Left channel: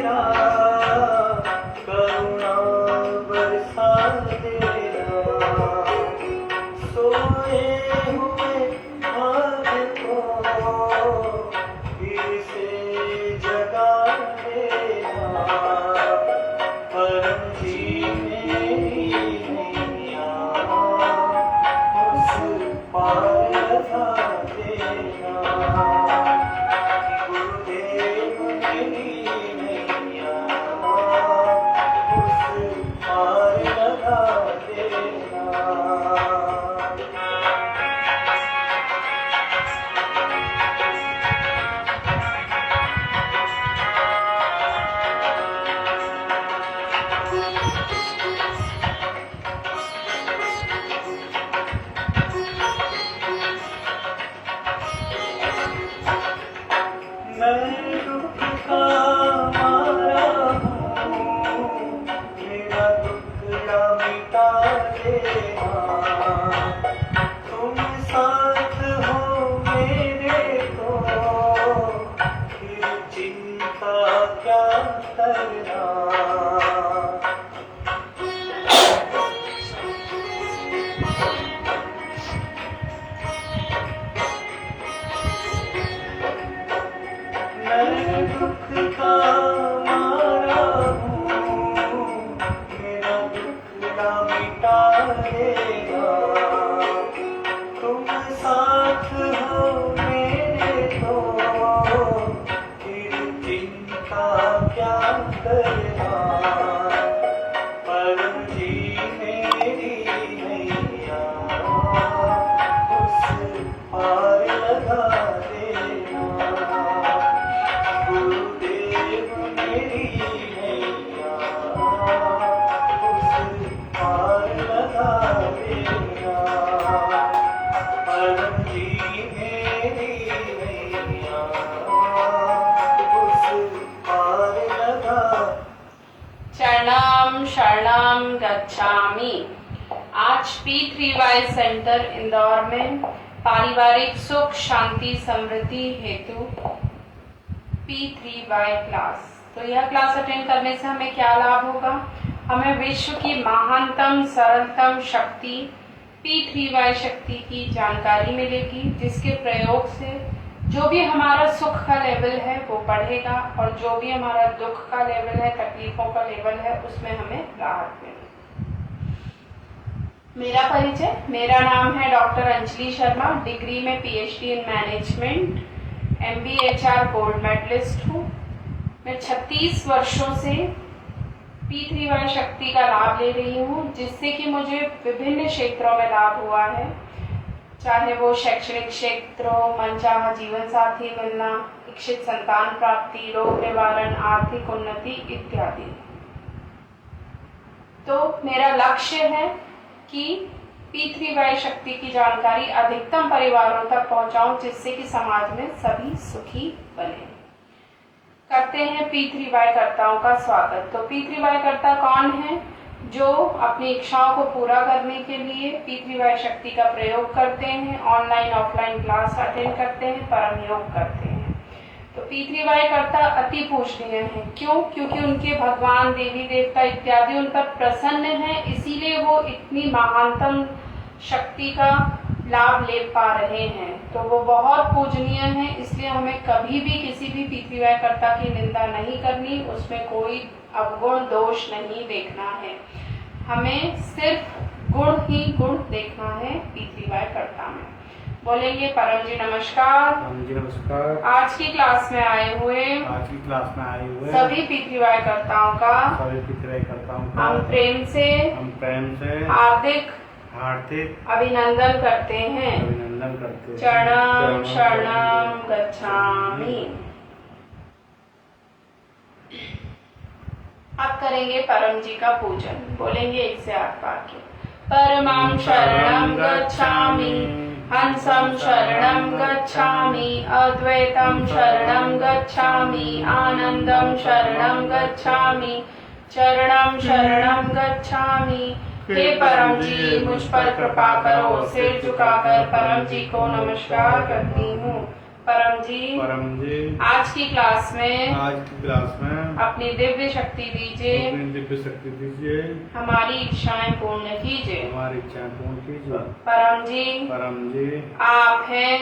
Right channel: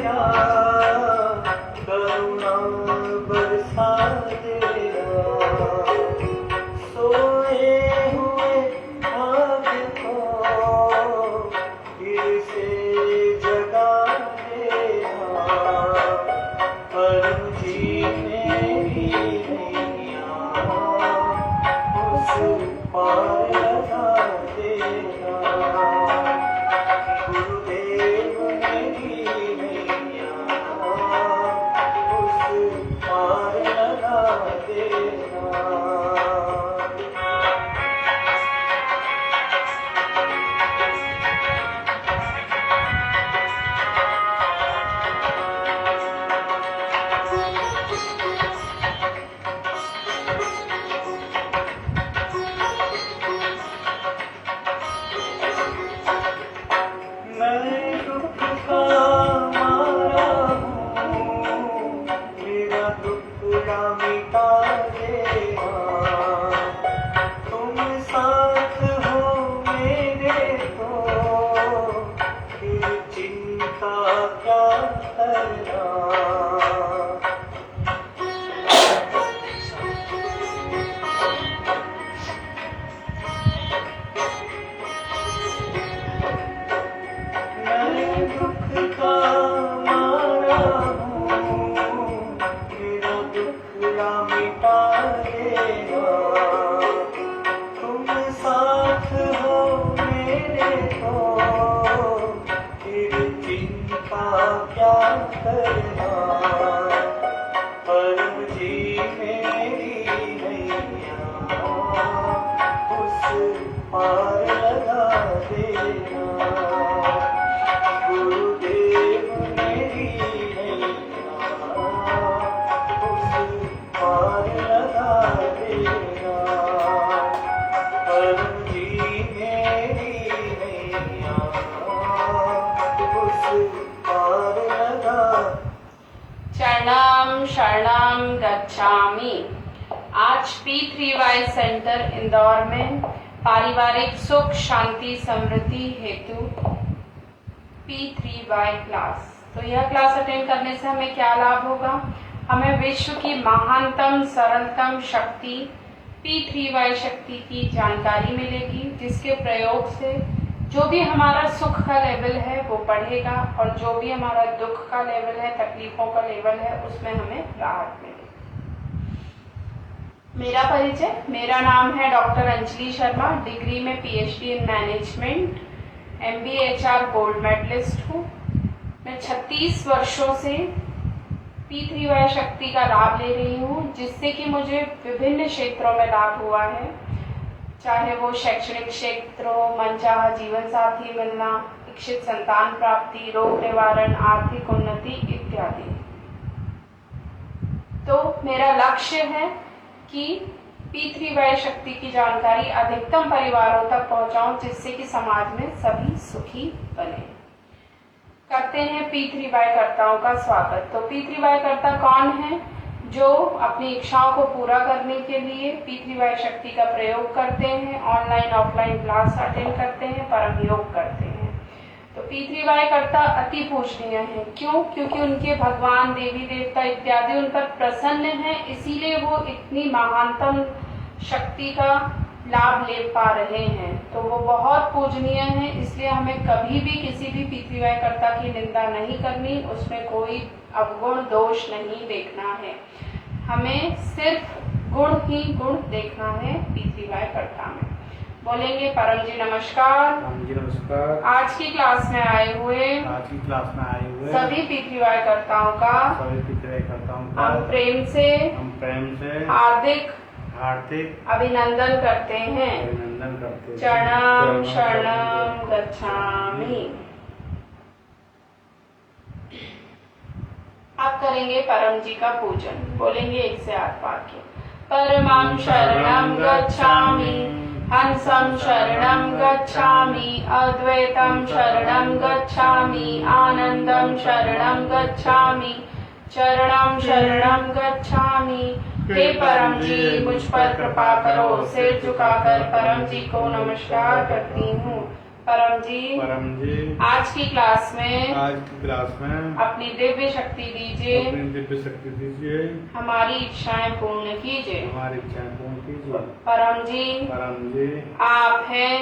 देना, करुणा बरसा देना, सोए हुए भाग्य को फिर से जगा देना, परम जी मेरी नैया उस पार लगा देना, गुरुदेव मेरी नैया उस पार लगा देना। मैं दुख का मारा हूँ, मेरा दुख या मिटा देना, तुम साथ हो मेरे तो फिर चिंता क्या करना। मैं दुख का मारा हूँ, मेरा दुख ना मिटा देना, तुम साथ हो मेरे तो फिर चिंता क्या करना, परम जी मेरी नैया उस पार लगा देना, गुरुदेव मेरी नैया उस पार लगा देना, परम जी मेरी नैया उस पार लगा। शरणम शरणम गच्छामि। आज P3Y सेंटर इंदौर में पारिवारिक सुख शांति समृद्धि हेतु P3Y क्लास। तो यह क्लास अटेंड करने से हमें क्या लाभ होगा? हमें विश्व की महानतम सरलतम शक्ति P3Y शक्ति की जानकारी मिलेगी, जिसके प्रयोग से जो भी हमारा सुख का लेवल है वो बढ़ेगा और जो भी हमारा दुख का लेवल है, तकलीफों का लेवल है, उसमें हमें राहत मिलेगी। मेरा परिचय, मेरा नाम है डॉक्टर अंजलि शर्मा, डिग्री में PhD इन management, MBA HR gold medallist हूँ। मैं 36 वर्षों से P3Y शक्ति का लाभ ले रही हूँ, जिससे कि मुझे विभिन्न क्षेत्रों में लाभ हुआ है, चाहे वो शैक्षणिक क्षेत्र हो, मनचाहा जीवन साथी मिलना, इच्छित संतान प्राप्ति, रोग निवारण, आर्थिक उन्नति इत्यादि। तो मेरा लक्ष्य है कि P3Y शक्ति की जानकारी अधिकतम परिवारों तक पहुंचाऊं, जिससे कि समाज में सभी सुखी बने। करते हैं P3Y कर्ताओं का स्वागत। तो P3Y कर्ता कौन है? जो अपनी इच्छाओं को पूरा करने के लिए P3Y शक्ति का प्रयोग करते हैं, ऑनलाइन ऑफलाइन क्लास अटेंड करते हैं, परम योग करते हैं। तो P3Y कर्ता अति पूजनीय है। क्यों? क्योंकि उनके भगवान, देवी देवता इत्यादि उन पर प्रसन्न हैं, इसीलिए वो इतनी महानतम शक्ति का लाभ ले पा रहे हैं। तो वो बहुत पूजनीय है, इसलिए हमें कभी भी किसी भी P3Y कर्ता की निंदा नहीं करनी, उसमें कोई अवगुण दोष नहीं देखना है, हमें सिर्फ गुण ही गुण देखना है P3Y कर्ता में। बोलेंगे परम जी नमस्कार। परम जी नमस्कार। आज की क्लास में आए हुए सभी P3Y कर्ताओं का हम प्रेम से हार्दिक अभिनंदन करते हैं। चरणम शरणम गच्छामि। अब करेंगे परम जी का पूजन। बोलेंगे 1 से 8 वाक्य। परमं शरणं गच्छामि, हंसं शरणं गच्छामि, अद्वैतं शरणं गच्छामि, आनंदं शरणं गच्छामि, चरणं शरणं गच्छामि। हे परम जी, मुझ पर कृपा करो। सिर झुकाकर परम जी को नमस्कार करती हूँ। परम जी आज की क्लास में अपनी दिव्य शक्ति दीजिए, हमारी इच्छाएं पूर्ण कीजिए। परम जी आप हैं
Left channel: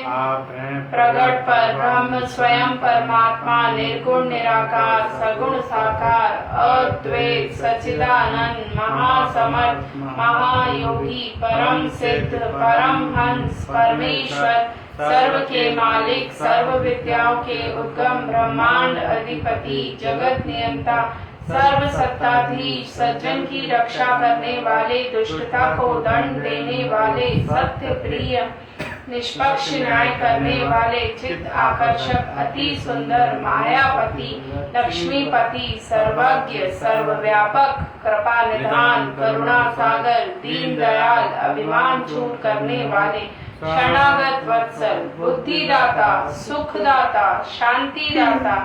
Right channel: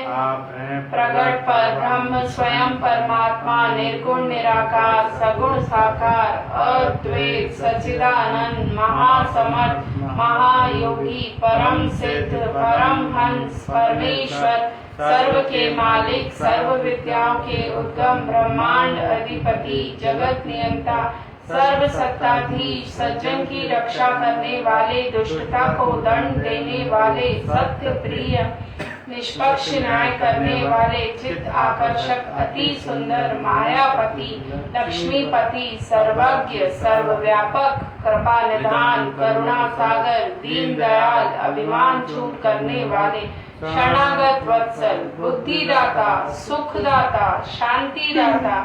प्रगट पर ब्रह्म स्वयं परमात्मा, निर्गुण निराकार सगुण साकार, अद्वैत सच्चिदानंद महासमर्थ महायोगी, परम सिद्ध परम हंस परमेश्वर, सर्व के मालिक सर्व विद्याओं के उद्गम, ब्रह्मांड अधिपति जगत नियंता, सर्व सत्ताधीश, सज्जन की रक्षा करने वाले, दुष्टता को दंड देने वाले, सत्य प्रिय निष्पक्ष न्याय करने वाले, चित्त आकर्षक अति सुंदर मायापति लक्ष्मीपति, सर्वज्ञ सर्वव्यापक, कृपा निधान करुणा सागर, दीन दयाल, अभिमान छूट करने वाले, शरणागत वत्सल, बुद्धिदाता, सुखदाता, शांतिदाता,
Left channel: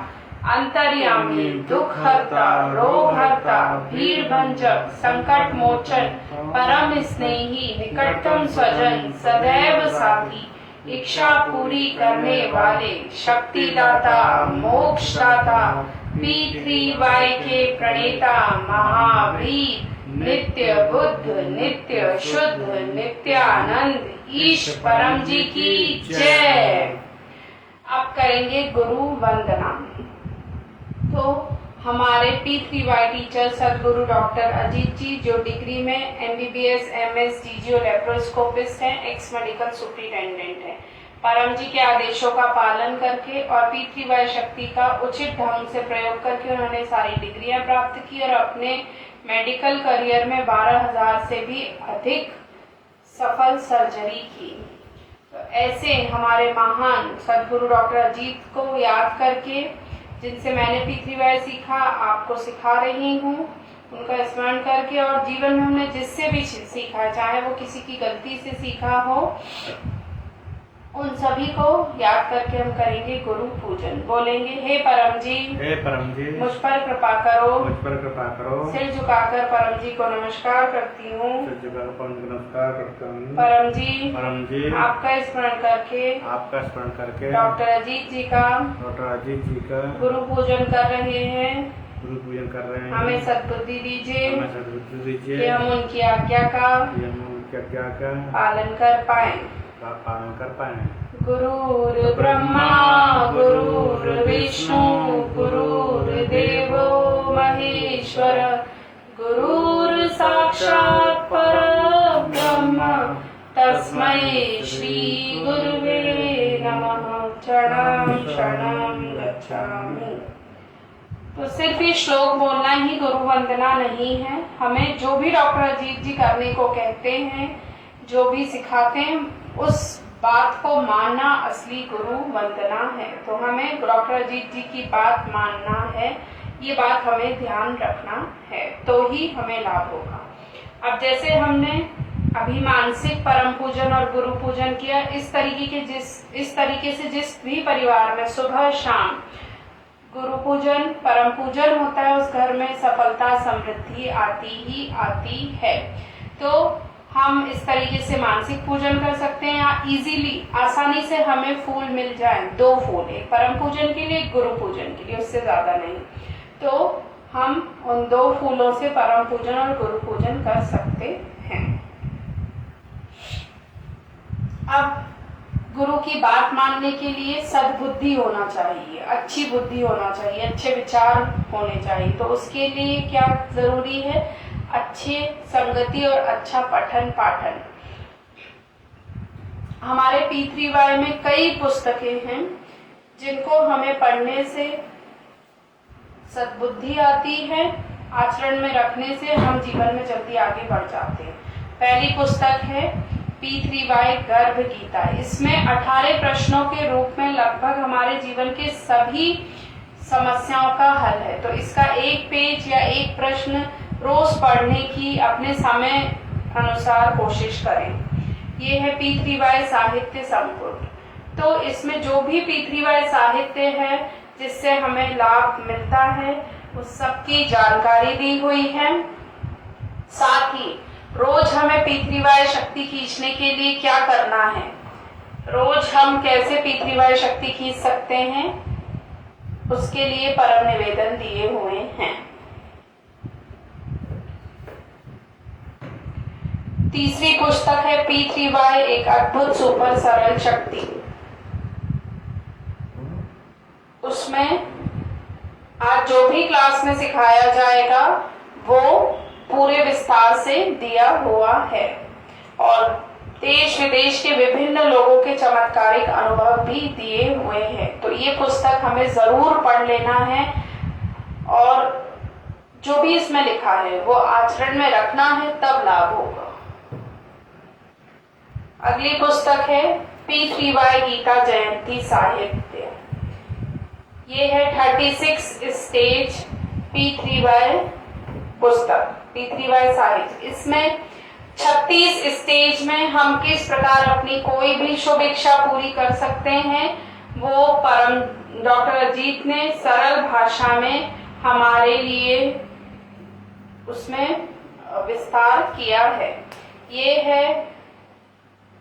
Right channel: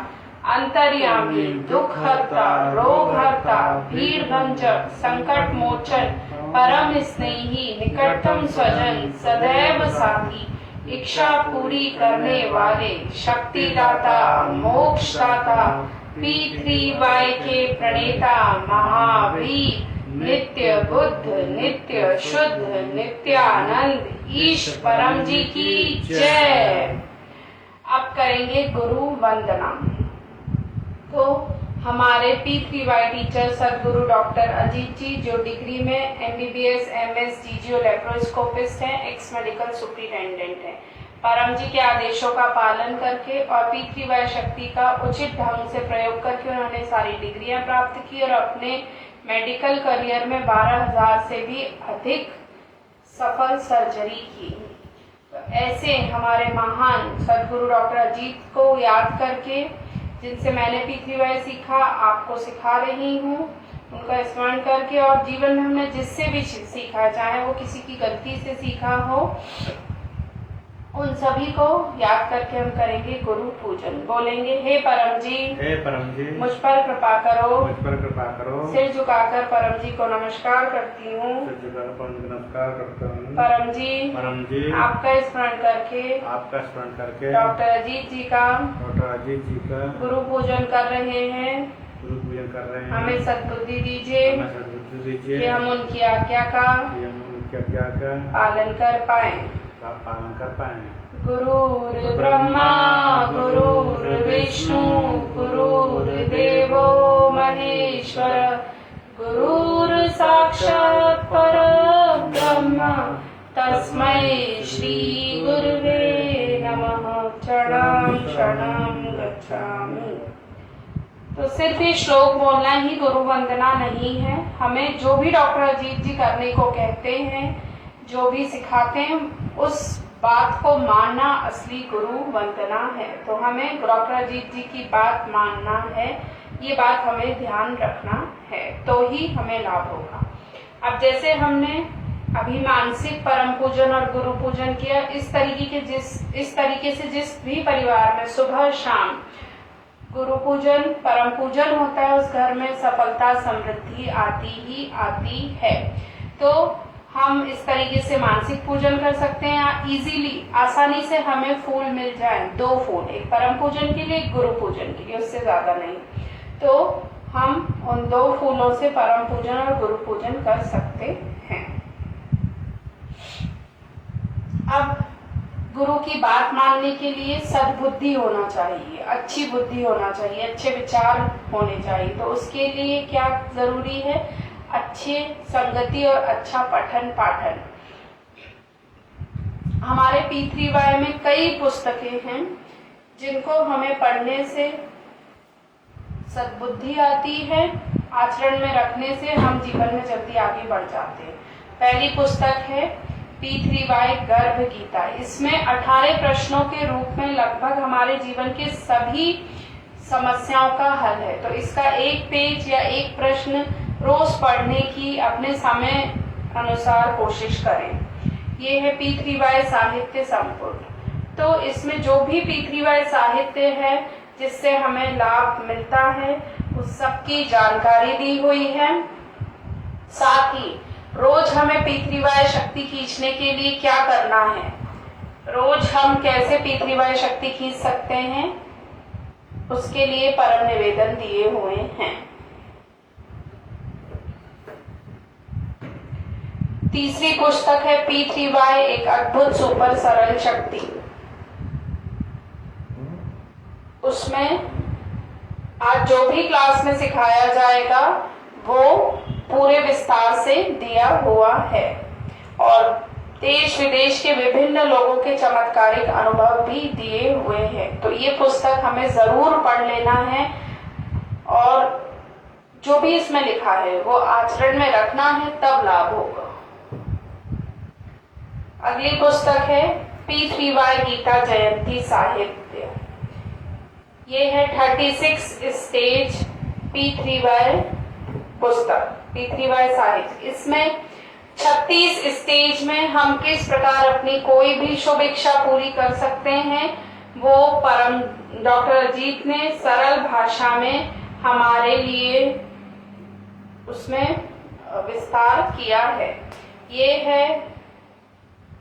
अंतर्यामी, दुख हरता, रोग हरता, भीड़ भंजक, संकट मोचन, परम स्नेही, निकटतम स्वजन, सदैव साथी, इच्छा पूरी करने वाले, शक्तिदाता, मोक्षदाता, P3Y के प्रणेता महावीर, नित्य बुद्ध, नित्य शुद्ध, नित्यानंद, ईश परम जी की जय। अब करेंगे गुरु वंदना। तो हमारे P3Y टीचर सदगुरु डॉक्टर अजीत जी, जो डिग्री में MBBS MS DGO लेप्रोस्कोपिस्ट हैं, एक्स मेडिकल सुपरिटेंडेंट हैं, परम जी के आदेशों का पालन करके और P3Y शक्ति का उचित ढंग से प्रयोग करके उन्होंने सारी डिग्रियां प्राप्त की और अपने मेडिकल करियर में 12,000 से भी अधिक सफल सर्जरी की। तो ऐसे हमारे महान सदगुरु डॉक्टर अजीत को याद करके, जिनसे मैंने P3Y सीखा, आपको सिखा रही हूँ, उनका स्मरण करके और जीवन में हमने जिससे भी सीखा, चाहे वो किसी की गलती से सीखा हो, उन सभी को याद करके हम करेंगे गुरु पूजन। बोलेंगे हे परम जी मुझ पर कृपा करो, सिर झुकाकर परम जी को नमस्कार करती हूँ। परम जी आपका स्मरण करके डॉक्टर अजीत जी का गुरु पूजन कर रहे हैं। हमें सद्बुद्धि दीजिए कि हम उनकी आज्ञा का पालन कर पाए। गुरुर् ब्रह्मा गुरुर् विष्णु गुरुर्देवो महेश्वर, गुरुर् साक्षात् परब्रह्म, तस्मै श्री गुरुवे नमः। शरणं शरणं गच्छामि। तो सिर्फ ये श्लोक बोलना ही गुरु वंदना नहीं है। हमें जो भी डॉक्टर अजीत जी करने को कहते हैं, जो भी सिखाते हैं, उस बात को मानना असली गुरु वंदना है। तो हमें डॉक्टर अजीत जी की बात मानना है, ये बात हमें ध्यान रखना है, तो ही हमें लाभ होगा। अब जैसे हमने अभी मानसिक परम पूजन और गुरु पूजन किया, इस तरीके से जिस भी परिवार में सुबह शाम गुरु पूजन परम पूजन होता है, उस घर में सफलता समृद्धि आती ही आती है। तो हम इस तरीके से मानसिक पूजन कर सकते हैं, या इजीली आसानी से हमें फूल मिल जाए, 2 फूल, एक परम पूजन के लिए एक गुरु पूजन के लिए, उससे ज्यादा नहीं। तो हम उन 2 फूलों से परम पूजन और गुरु पूजन कर सकते हैं। अब गुरु की बात मानने के लिए सद्बुद्धि होना चाहिए, अच्छी बुद्धि होना चाहिए, अच्छे विचार होने चाहिए। तो उसके लिए क्या जरूरी है? अच्छे संगति और अच्छा पठन पाठन। हमारे P3Y में कई पुस्तकें हैं जिनको हमें पढ़ने से सद्बुद्धि आती है, आचरण में रखने से हम जीवन में जल्दी आगे बढ़ जाते हैं। पहली पुस्तक है P3Y गर्भ गीता। इसमें 18 प्रश्नों के रूप में लगभग हमारे जीवन के सभी समस्याओं का हल है। तो इसका एक पेज या एक प्रश्न रोज पढ़ने की अपने समय अनुसार कोशिश करें। ये है P3Y साहित्य संपुट। तो इसमें जो भी P3Y साहित्य है जिससे हमें लाभ मिलता है, उस सबकी जानकारी दी हुई है। साथ ही रोज हमें P3Y शक्ति खींचने के लिए क्या करना है, रोज हम कैसे P3Y शक्ति खींच सकते हैं, उसके लिए परम निवेदन दिए हुए हैं। तीसरी पुस्तक है P3Y एक अद्भुत सुपर सरल शक्ति। उसमें आज जो भी क्लास में सिखाया जाएगा वो पूरे विस्तार से दिया हुआ है और देश विदेश के विभिन्न लोगों के चमत्कारिक अनुभव भी दिए हुए हैं। तो ये पुस्तक हमें जरूर पढ़ लेना है और जो भी इसमें लिखा है वो आचरण में रखना है, तब लाभ होगा। अगली पुस्तक है P3Y गीता जयंती साहित्य। ये है 36 स्टेज P3Y पुस्तक, P3Y साहित्य। इसमें 36 स्टेज में हम किस प्रकार अपनी कोई भी शुभ इच्छा पूरी कर सकते हैं, वो परम डॉक्टर अजीत ने सरल भाषा में हमारे लिए उसमें विस्तार किया है। ये है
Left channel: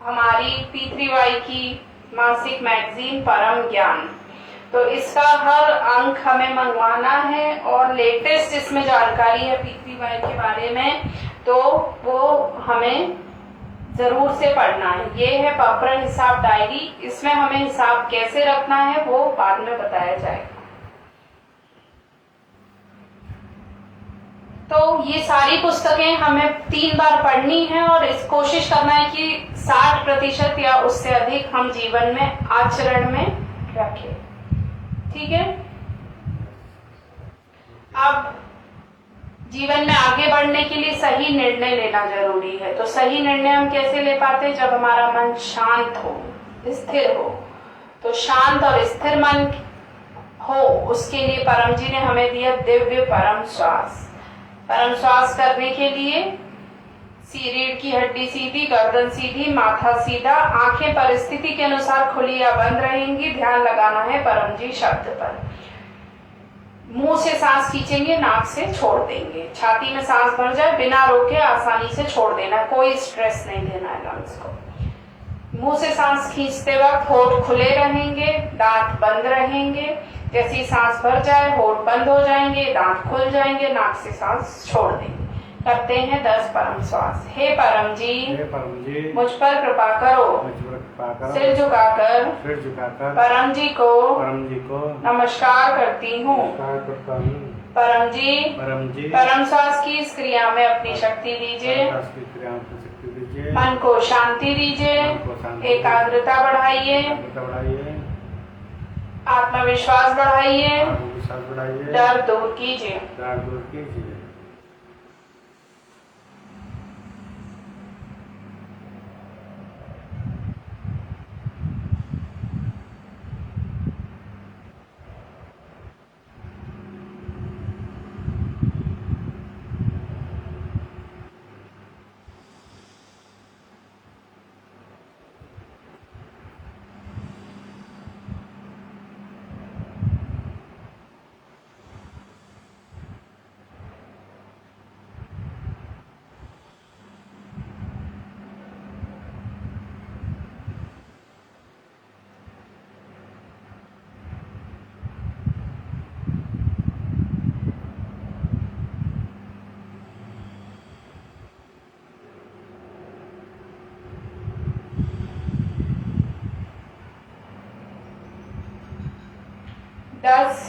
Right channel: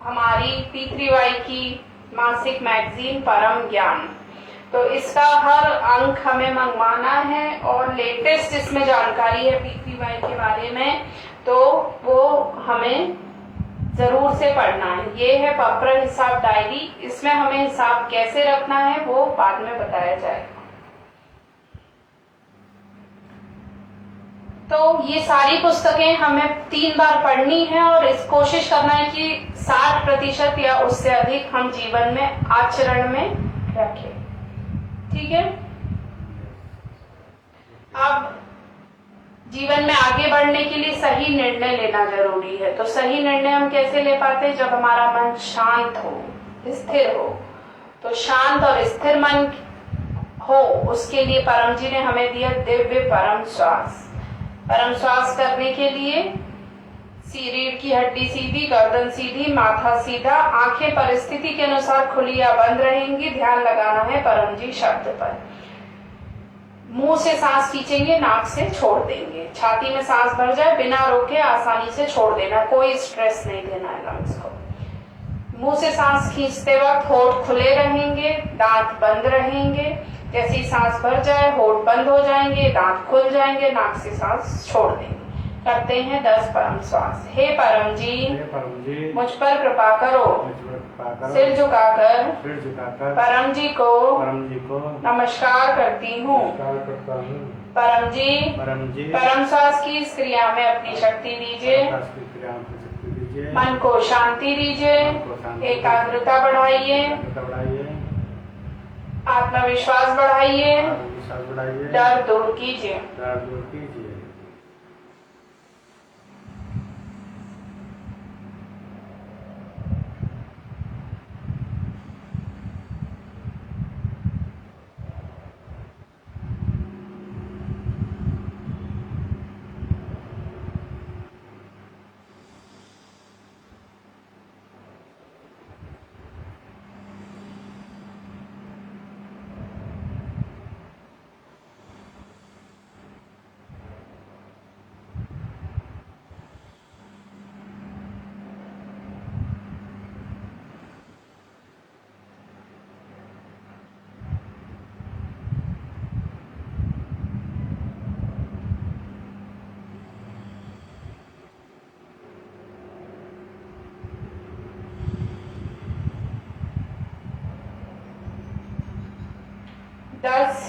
हमारी P3Y की मासिक मैगजीन परम ज्ञान। तो इसका हर अंक हमें मंगवाना है और लेटेस्ट इसमें जानकारी है P3Y के बारे में, तो वो हमें जरूर से पढ़ना है। ये है पत्र हिसाब डायरी, इसमें हमें हिसाब कैसे रखना है वो बाद में बताया जाएगा। तो ये सारी पुस्तकें हमें 3 बार पढ़नी है और इस कोशिश करना है कि 60% या उससे अधिक हम जीवन में आचरण में रखें। ठीक है। अब जीवन में आगे बढ़ने के लिए सही निर्णय लेना जरूरी है। तो सही निर्णय हम कैसे ले पाते हैं? जब हमारा मन शांत हो, स्थिर हो। तो शांत और स्थिर मन हो, उसके लिए परम जी ने हमें दिया दिव्य परम श्वास। परम श्वास करने के लिए रीढ़ की हड्डी सीधी, गर्दन सीधी, माथा सीधा, आंखें परिस्थिति के अनुसार खुली या बंद रहेंगी। ध्यान लगाना है परम जी शब्द पर। मुंह से सांस खींचेंगे, नाक से छोड़ देंगे। छाती में सांस भर जाए, बिना रोके आसानी से छोड़ देना, कोई स्ट्रेस नहीं देना है लंग्स को। मुंह से सांस खींचते वक्त होठ खुले रहेंगे, दांत बंद रहेंगे। जैसे ही सांस भर जाए होठ बंद हो जाएंगे, दांत खुल जाएंगे, नाक से सांस छोड़ देंगे। करते हैं 10 परम श्वास। हे परम जी, मुझ पर कृपा करो। सिर झुकाकर परम जी को नमस्कार करती हूँ। परम जी परम श्वास की इस क्रिया में अपनी शक्ति दीजिए। मन को शांति दीजिए, एकाग्रता बढ़ाइए, आत्मविश्वास बढ़ाइए, डर दूर कीजिए।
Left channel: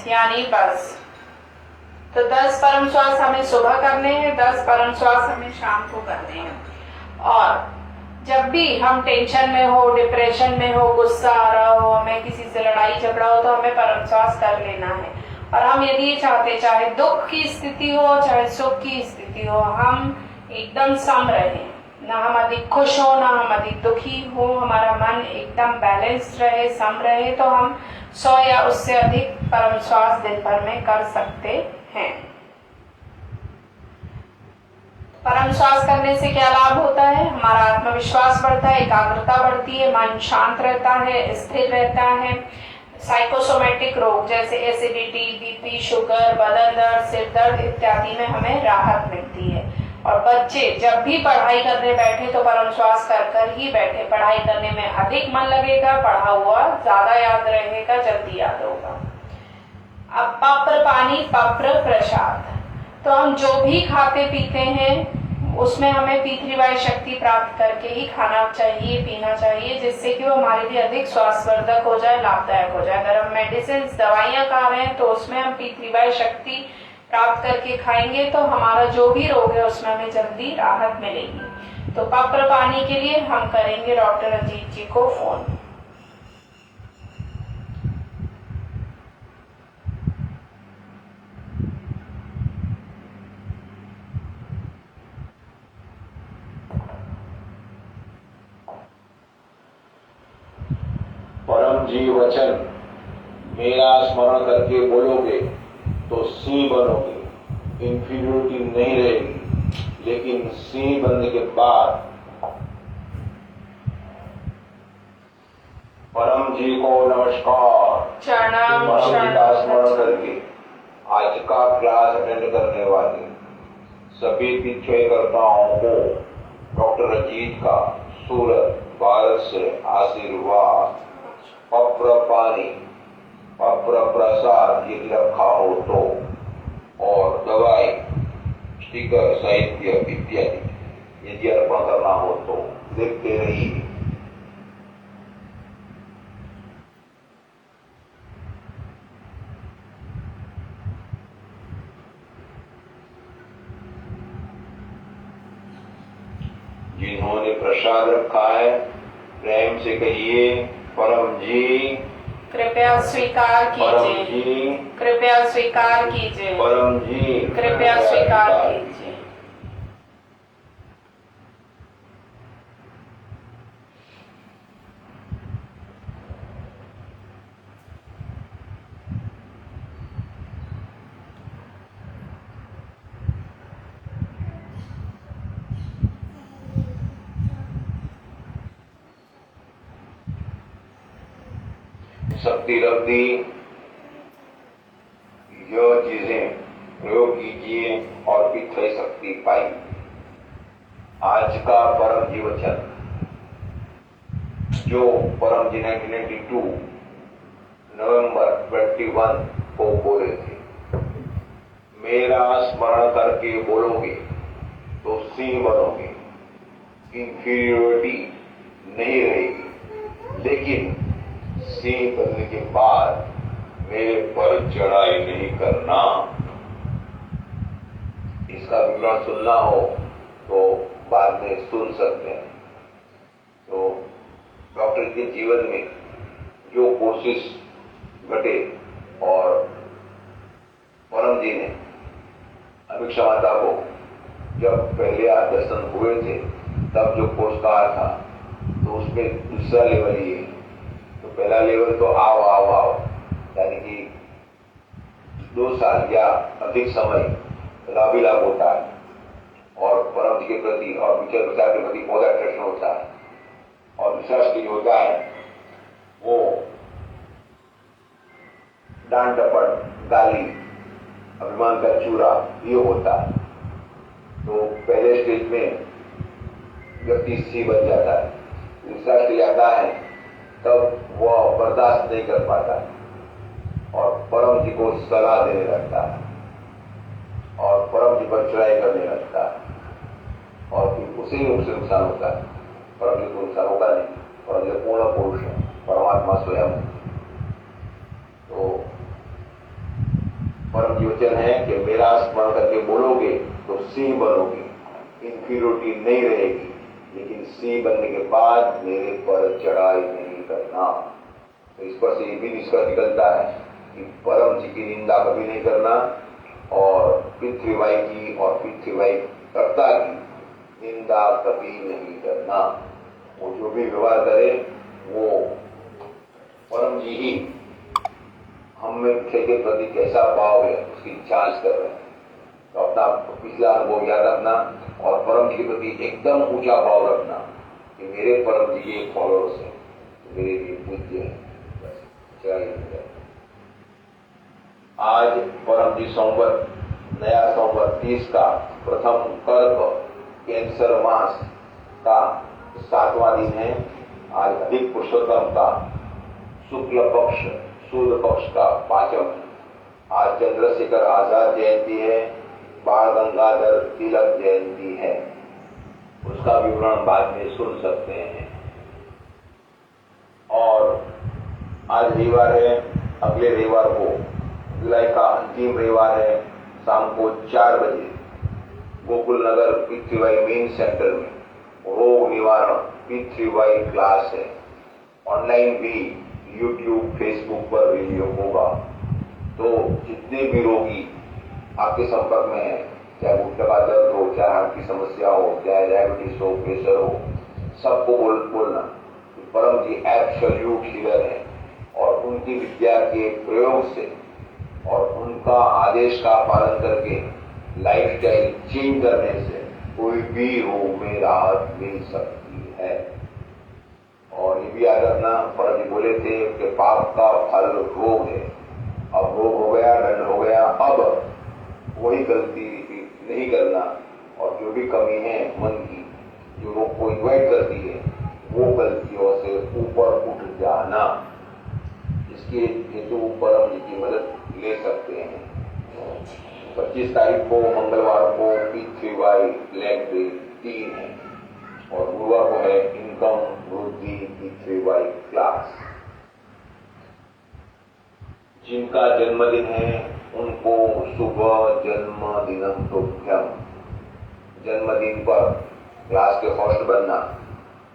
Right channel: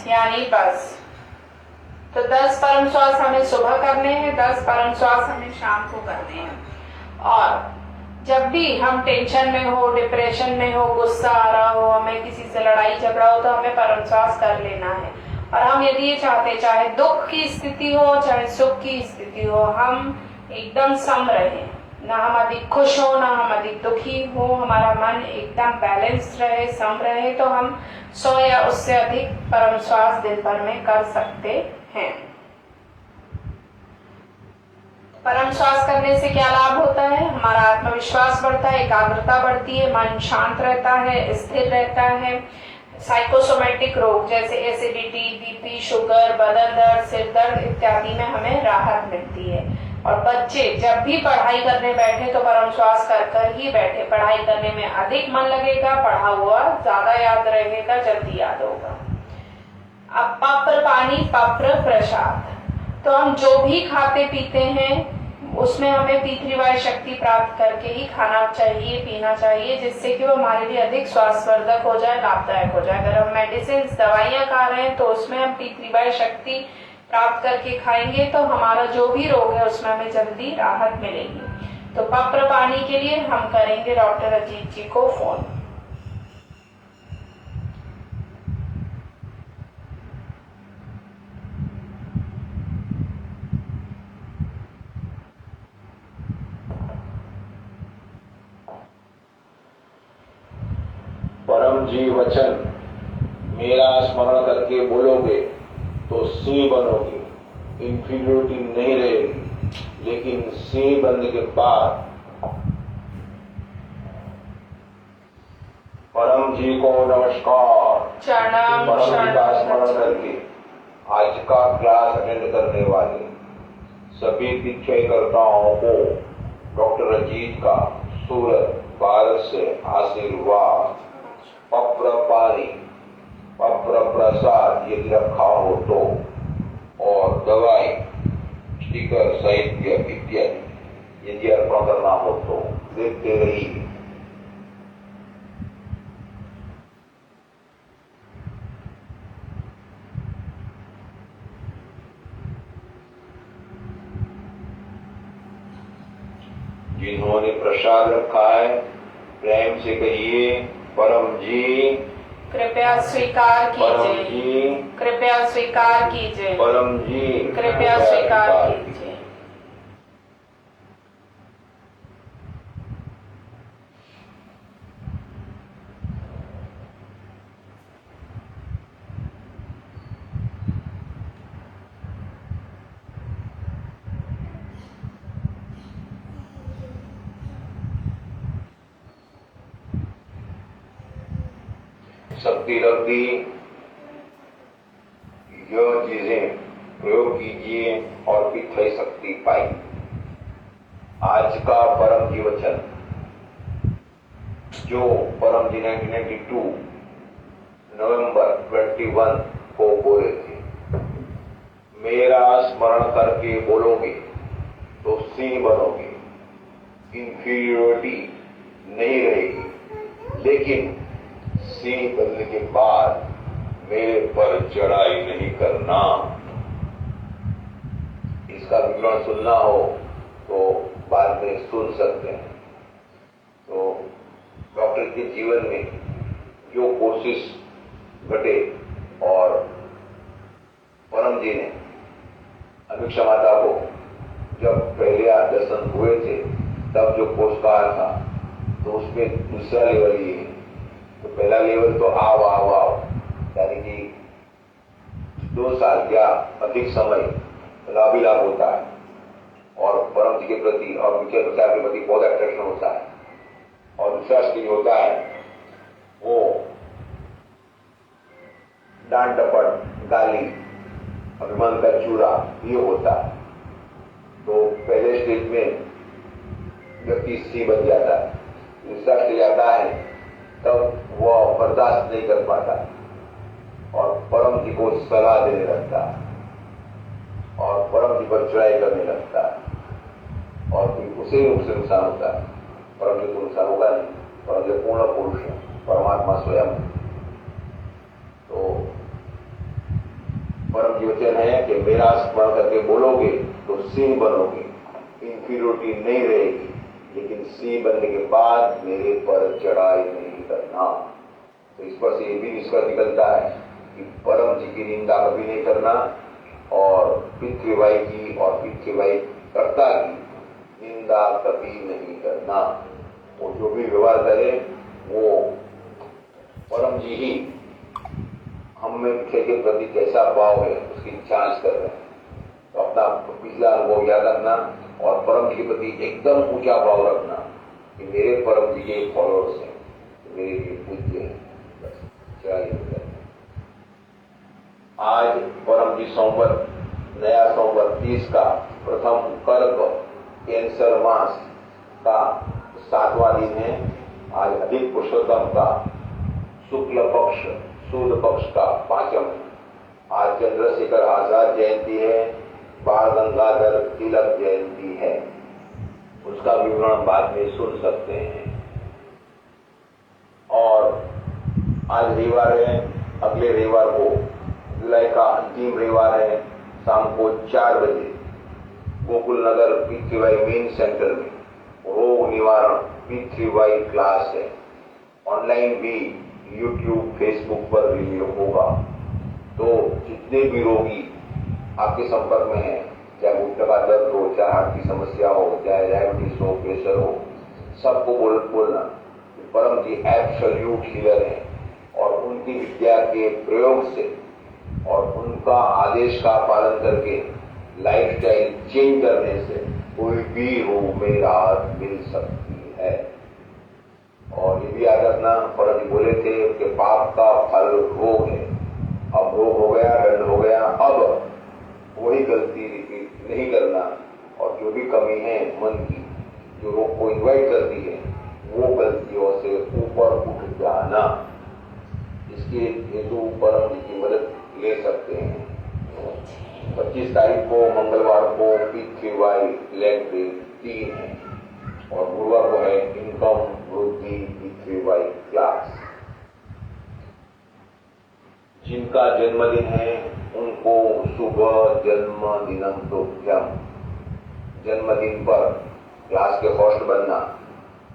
यानी बस। तो 10 परम श्वास हमें सुबह करने हैं, 10 परम श्वास हमें शाम को करने हैं। और जब भी हम टेंशन में हो, डिप्रेशन में हो, गुस्सा आ रहा हो, हमें किसी से लड़ाई झगड़ा हो, तो हमें परम श्वास कर लेना है। और हम यदि ये चाहते, चाहे दुख की स्थिति हो चाहे सुख की स्थिति हो, हम एकदम सम रहे, ना हम अधिक खुश हो ना हम अधिक दुखी हो, हमारा मन एकदम बैलेंस रहे, सम रहे, तो हम 100 या उससे अधिक परम श्वास दिन भर में कर सकते हैं। परम श्वास करने से क्या लाभ होता है? हमारा आत्मविश्वास बढ़ता है, एकाग्रता बढ़ती है, मन शांत रहता है, स्थिर रहता है। साइकोसोमेटिक रोग जैसे एसिडिटी, बीपी, शुगर, बदन दर्द, सिर दर्द इत्यादि में हमें राहत मिलती है। और बच्चे जब भी पढ़ाई करने बैठे तो परम श्वास कर कर ही बैठे। पढ़ाई करने में अधिक मन लगेगा, पढ़ा हुआ ज्यादा याद रहेगा, जल्दी याद होगा। अब पप्र पानी, पप्र प्रसाद। तो हम जो भी खाते पीते हैं उसमें हमें पी3 वायु शक्ति प्राप्त करके ही खाना चाहिए, पीना चाहिए, जिससे कि वो हमारे लिए अधिक स्वास्थ्यवर्धक हो जाए, लाभदायक हो जाए। अगर हम मेडिसिन दवाइयां खा रहे हैं तो उसमें हम पी3 वायु शक्ति प्राप्त करके खाएंगे तो हमारा जो भी रोग है उसमें हमें जल्दी राहत मिलेगी। तो पप्र पानी के लिए हम करेंगे डॉक्टर अजीत जी को फोन। परम जी वचन मेरा स्मरण करके बोलोगे तो सिंह बनोगे, इंफीरियोरिटी नहीं रहेगी। लेकिन सिंह बनने के बाद परम जी को नमस्कार। प्रणाम। परम जी का स्मरण करके आज का क्लास अटेंड करने वाले सभी तीर्थकर्ताओं को डॉक्टर अजीत का सूरत भारत से आशीर्वाद। पप्र पानी, पप्र प्रसाद यदि रखा हो तो, और दवाई, स्टिकर, साहित्य इत्यादि यदि अर्पण करना हो तो देखते रहिए। जिन्होंने प्रसाद रखा है प्रेम से कहिए, परम जी कृपया स्वीकार परम कीजिए, जी, कृपया स्वीकार कीजिए, परम जी कृपया स्वीकार कीजिए। शक्ति रख दी। यह चीजें प्रयोग कीजिए और पिछली शक्ति पाई। आज का परम जी वचन जो परम जी 1992 नवंबर 21 को बोले थे, मेरा स्मरण करके बोलोगे तो सिंह बनोगे, इंफीरियोरिटी नहीं रहेगी। लेकिन सिंह बनने के बाद मेरे पर चढ़ाई नहीं करना। इसका विवरण सुनना हो तो बाद में सुन सकते हैं। तो डॉक्टर के जीवन में जो कोशिश घटे और परम जी ने अमीक्षा माता को जब पहले दर्शन हुए थे तब जो कोर्स कहा था, तो उसमें दूसरा लेवल ये। तो पहला लेवल तो आओ यानी कि 2 साल या अधिक समय लाभ होता है और परम जी के प्रति और विचार के प्रति बहुत अट्रैक्शन होता है। और दूसरा स्टेज होता है वो डांट डपट, गाली, अभिमान का चूरा, ये होता है। तो पहले स्टेज में व्यक्ति सी बन जाता है। दूसरा स्टेज आता है तब वह बर्दाश्त नहीं कर पाता और परम जी को सलाह देने लगता है और परम जी पर चढ़ाई करने लगता है और फिर उसे ही उससे नुकसान होता है। परम जी को नुकसान होगा नहीं। परम जी पूर्ण पुरुष है, परमात्मा स्वयं है। तो परम जी वचन है कि मेरा स्मरण करके बोलोगे तो सिंह बनोगे, इंफीरियोरिटी नहीं रहेगी। लेकिन सिंह बनने के बाद मेरे पर चढ़ाई नहीं करना। तो इस पर से ये भी निष्कर्ष निकलता है कि परम जी की निंदा कभी नहीं करना और पितृवाई की और पितृवाई कर्ता की निंदा कभी नहीं करना। वो जो भी व्यवहार करे वो परम जी ही हम में के प्रति कैसा भाव है उसकी जांच कर रहे हैं। तो अपना पिछला अनुभव याद रखना और परम जी के प्रति एकदम ऊंचा भाव रखना कि मेरे परम जी के फॉलोअर्स हैं, मेरे लिए पूज्य है। बस जय हिंद। आज परम जी सोमवार नया 132 का प्रथम कर्क कैंसर मास का 7वां दिन है। आज अधिक पुरुषोत्तम का शुक्ल पक्ष सूर्य पक्ष का 5वां। आज चंद्रशेखर आजाद जयंती है, बाल गंगाधर तिलक जयंती है। उसका विवरण बाद में सुन सकते हैं। और आज रविवार है, अगले रविवार को जुलाई का अंतिम रविवार है, शाम को 4 बजे गोकुल नगर पी3वाई मेन सेंटर में रोग निवारण पी3वाई क्लास है। ऑनलाइन भी यूट्यूब फेसबुक पर वीडियो होगा। तो जितने भी रोगी आपके संपर्क में हैं, चाहे घुटने का दर्द हो, चाहे हार्ट की समस्या हो, चाहे डायबिटीज हो, प्रेशर हो, सबको बोलना परम जी एब्सोल्यूट हीलर है। और उनकी विद्या के प्रयोग से और उनका आदेश का पालन करके लाइफस्टाइल चेंज करने से कोई भी रोग में राहत मिल सकती है। और ये भी याद रखना, परम जी बोले थे कि पाप का फल रोग है। अब रोग हो गया, दंड हो गया, अब वही गलती रिपीट नहीं करना। और जो भी कमी है मन की, जो रोग को इन्वाइट करती है, वो गलतियों से ऊपर उठ जाना। इसके हेतु परम जी की मदद ले सकते हैं। 25 तारीख को मंगलवार को पी3वाई लेग डे 3 है और गुरुवार को है इनकम वृद्धि पी3वाई क्लास। जिनका जन्मदिन है उनको शुभ जन्मदिनम तुभ्यम। जन्मदिन पर क्लास के होस्ट बनना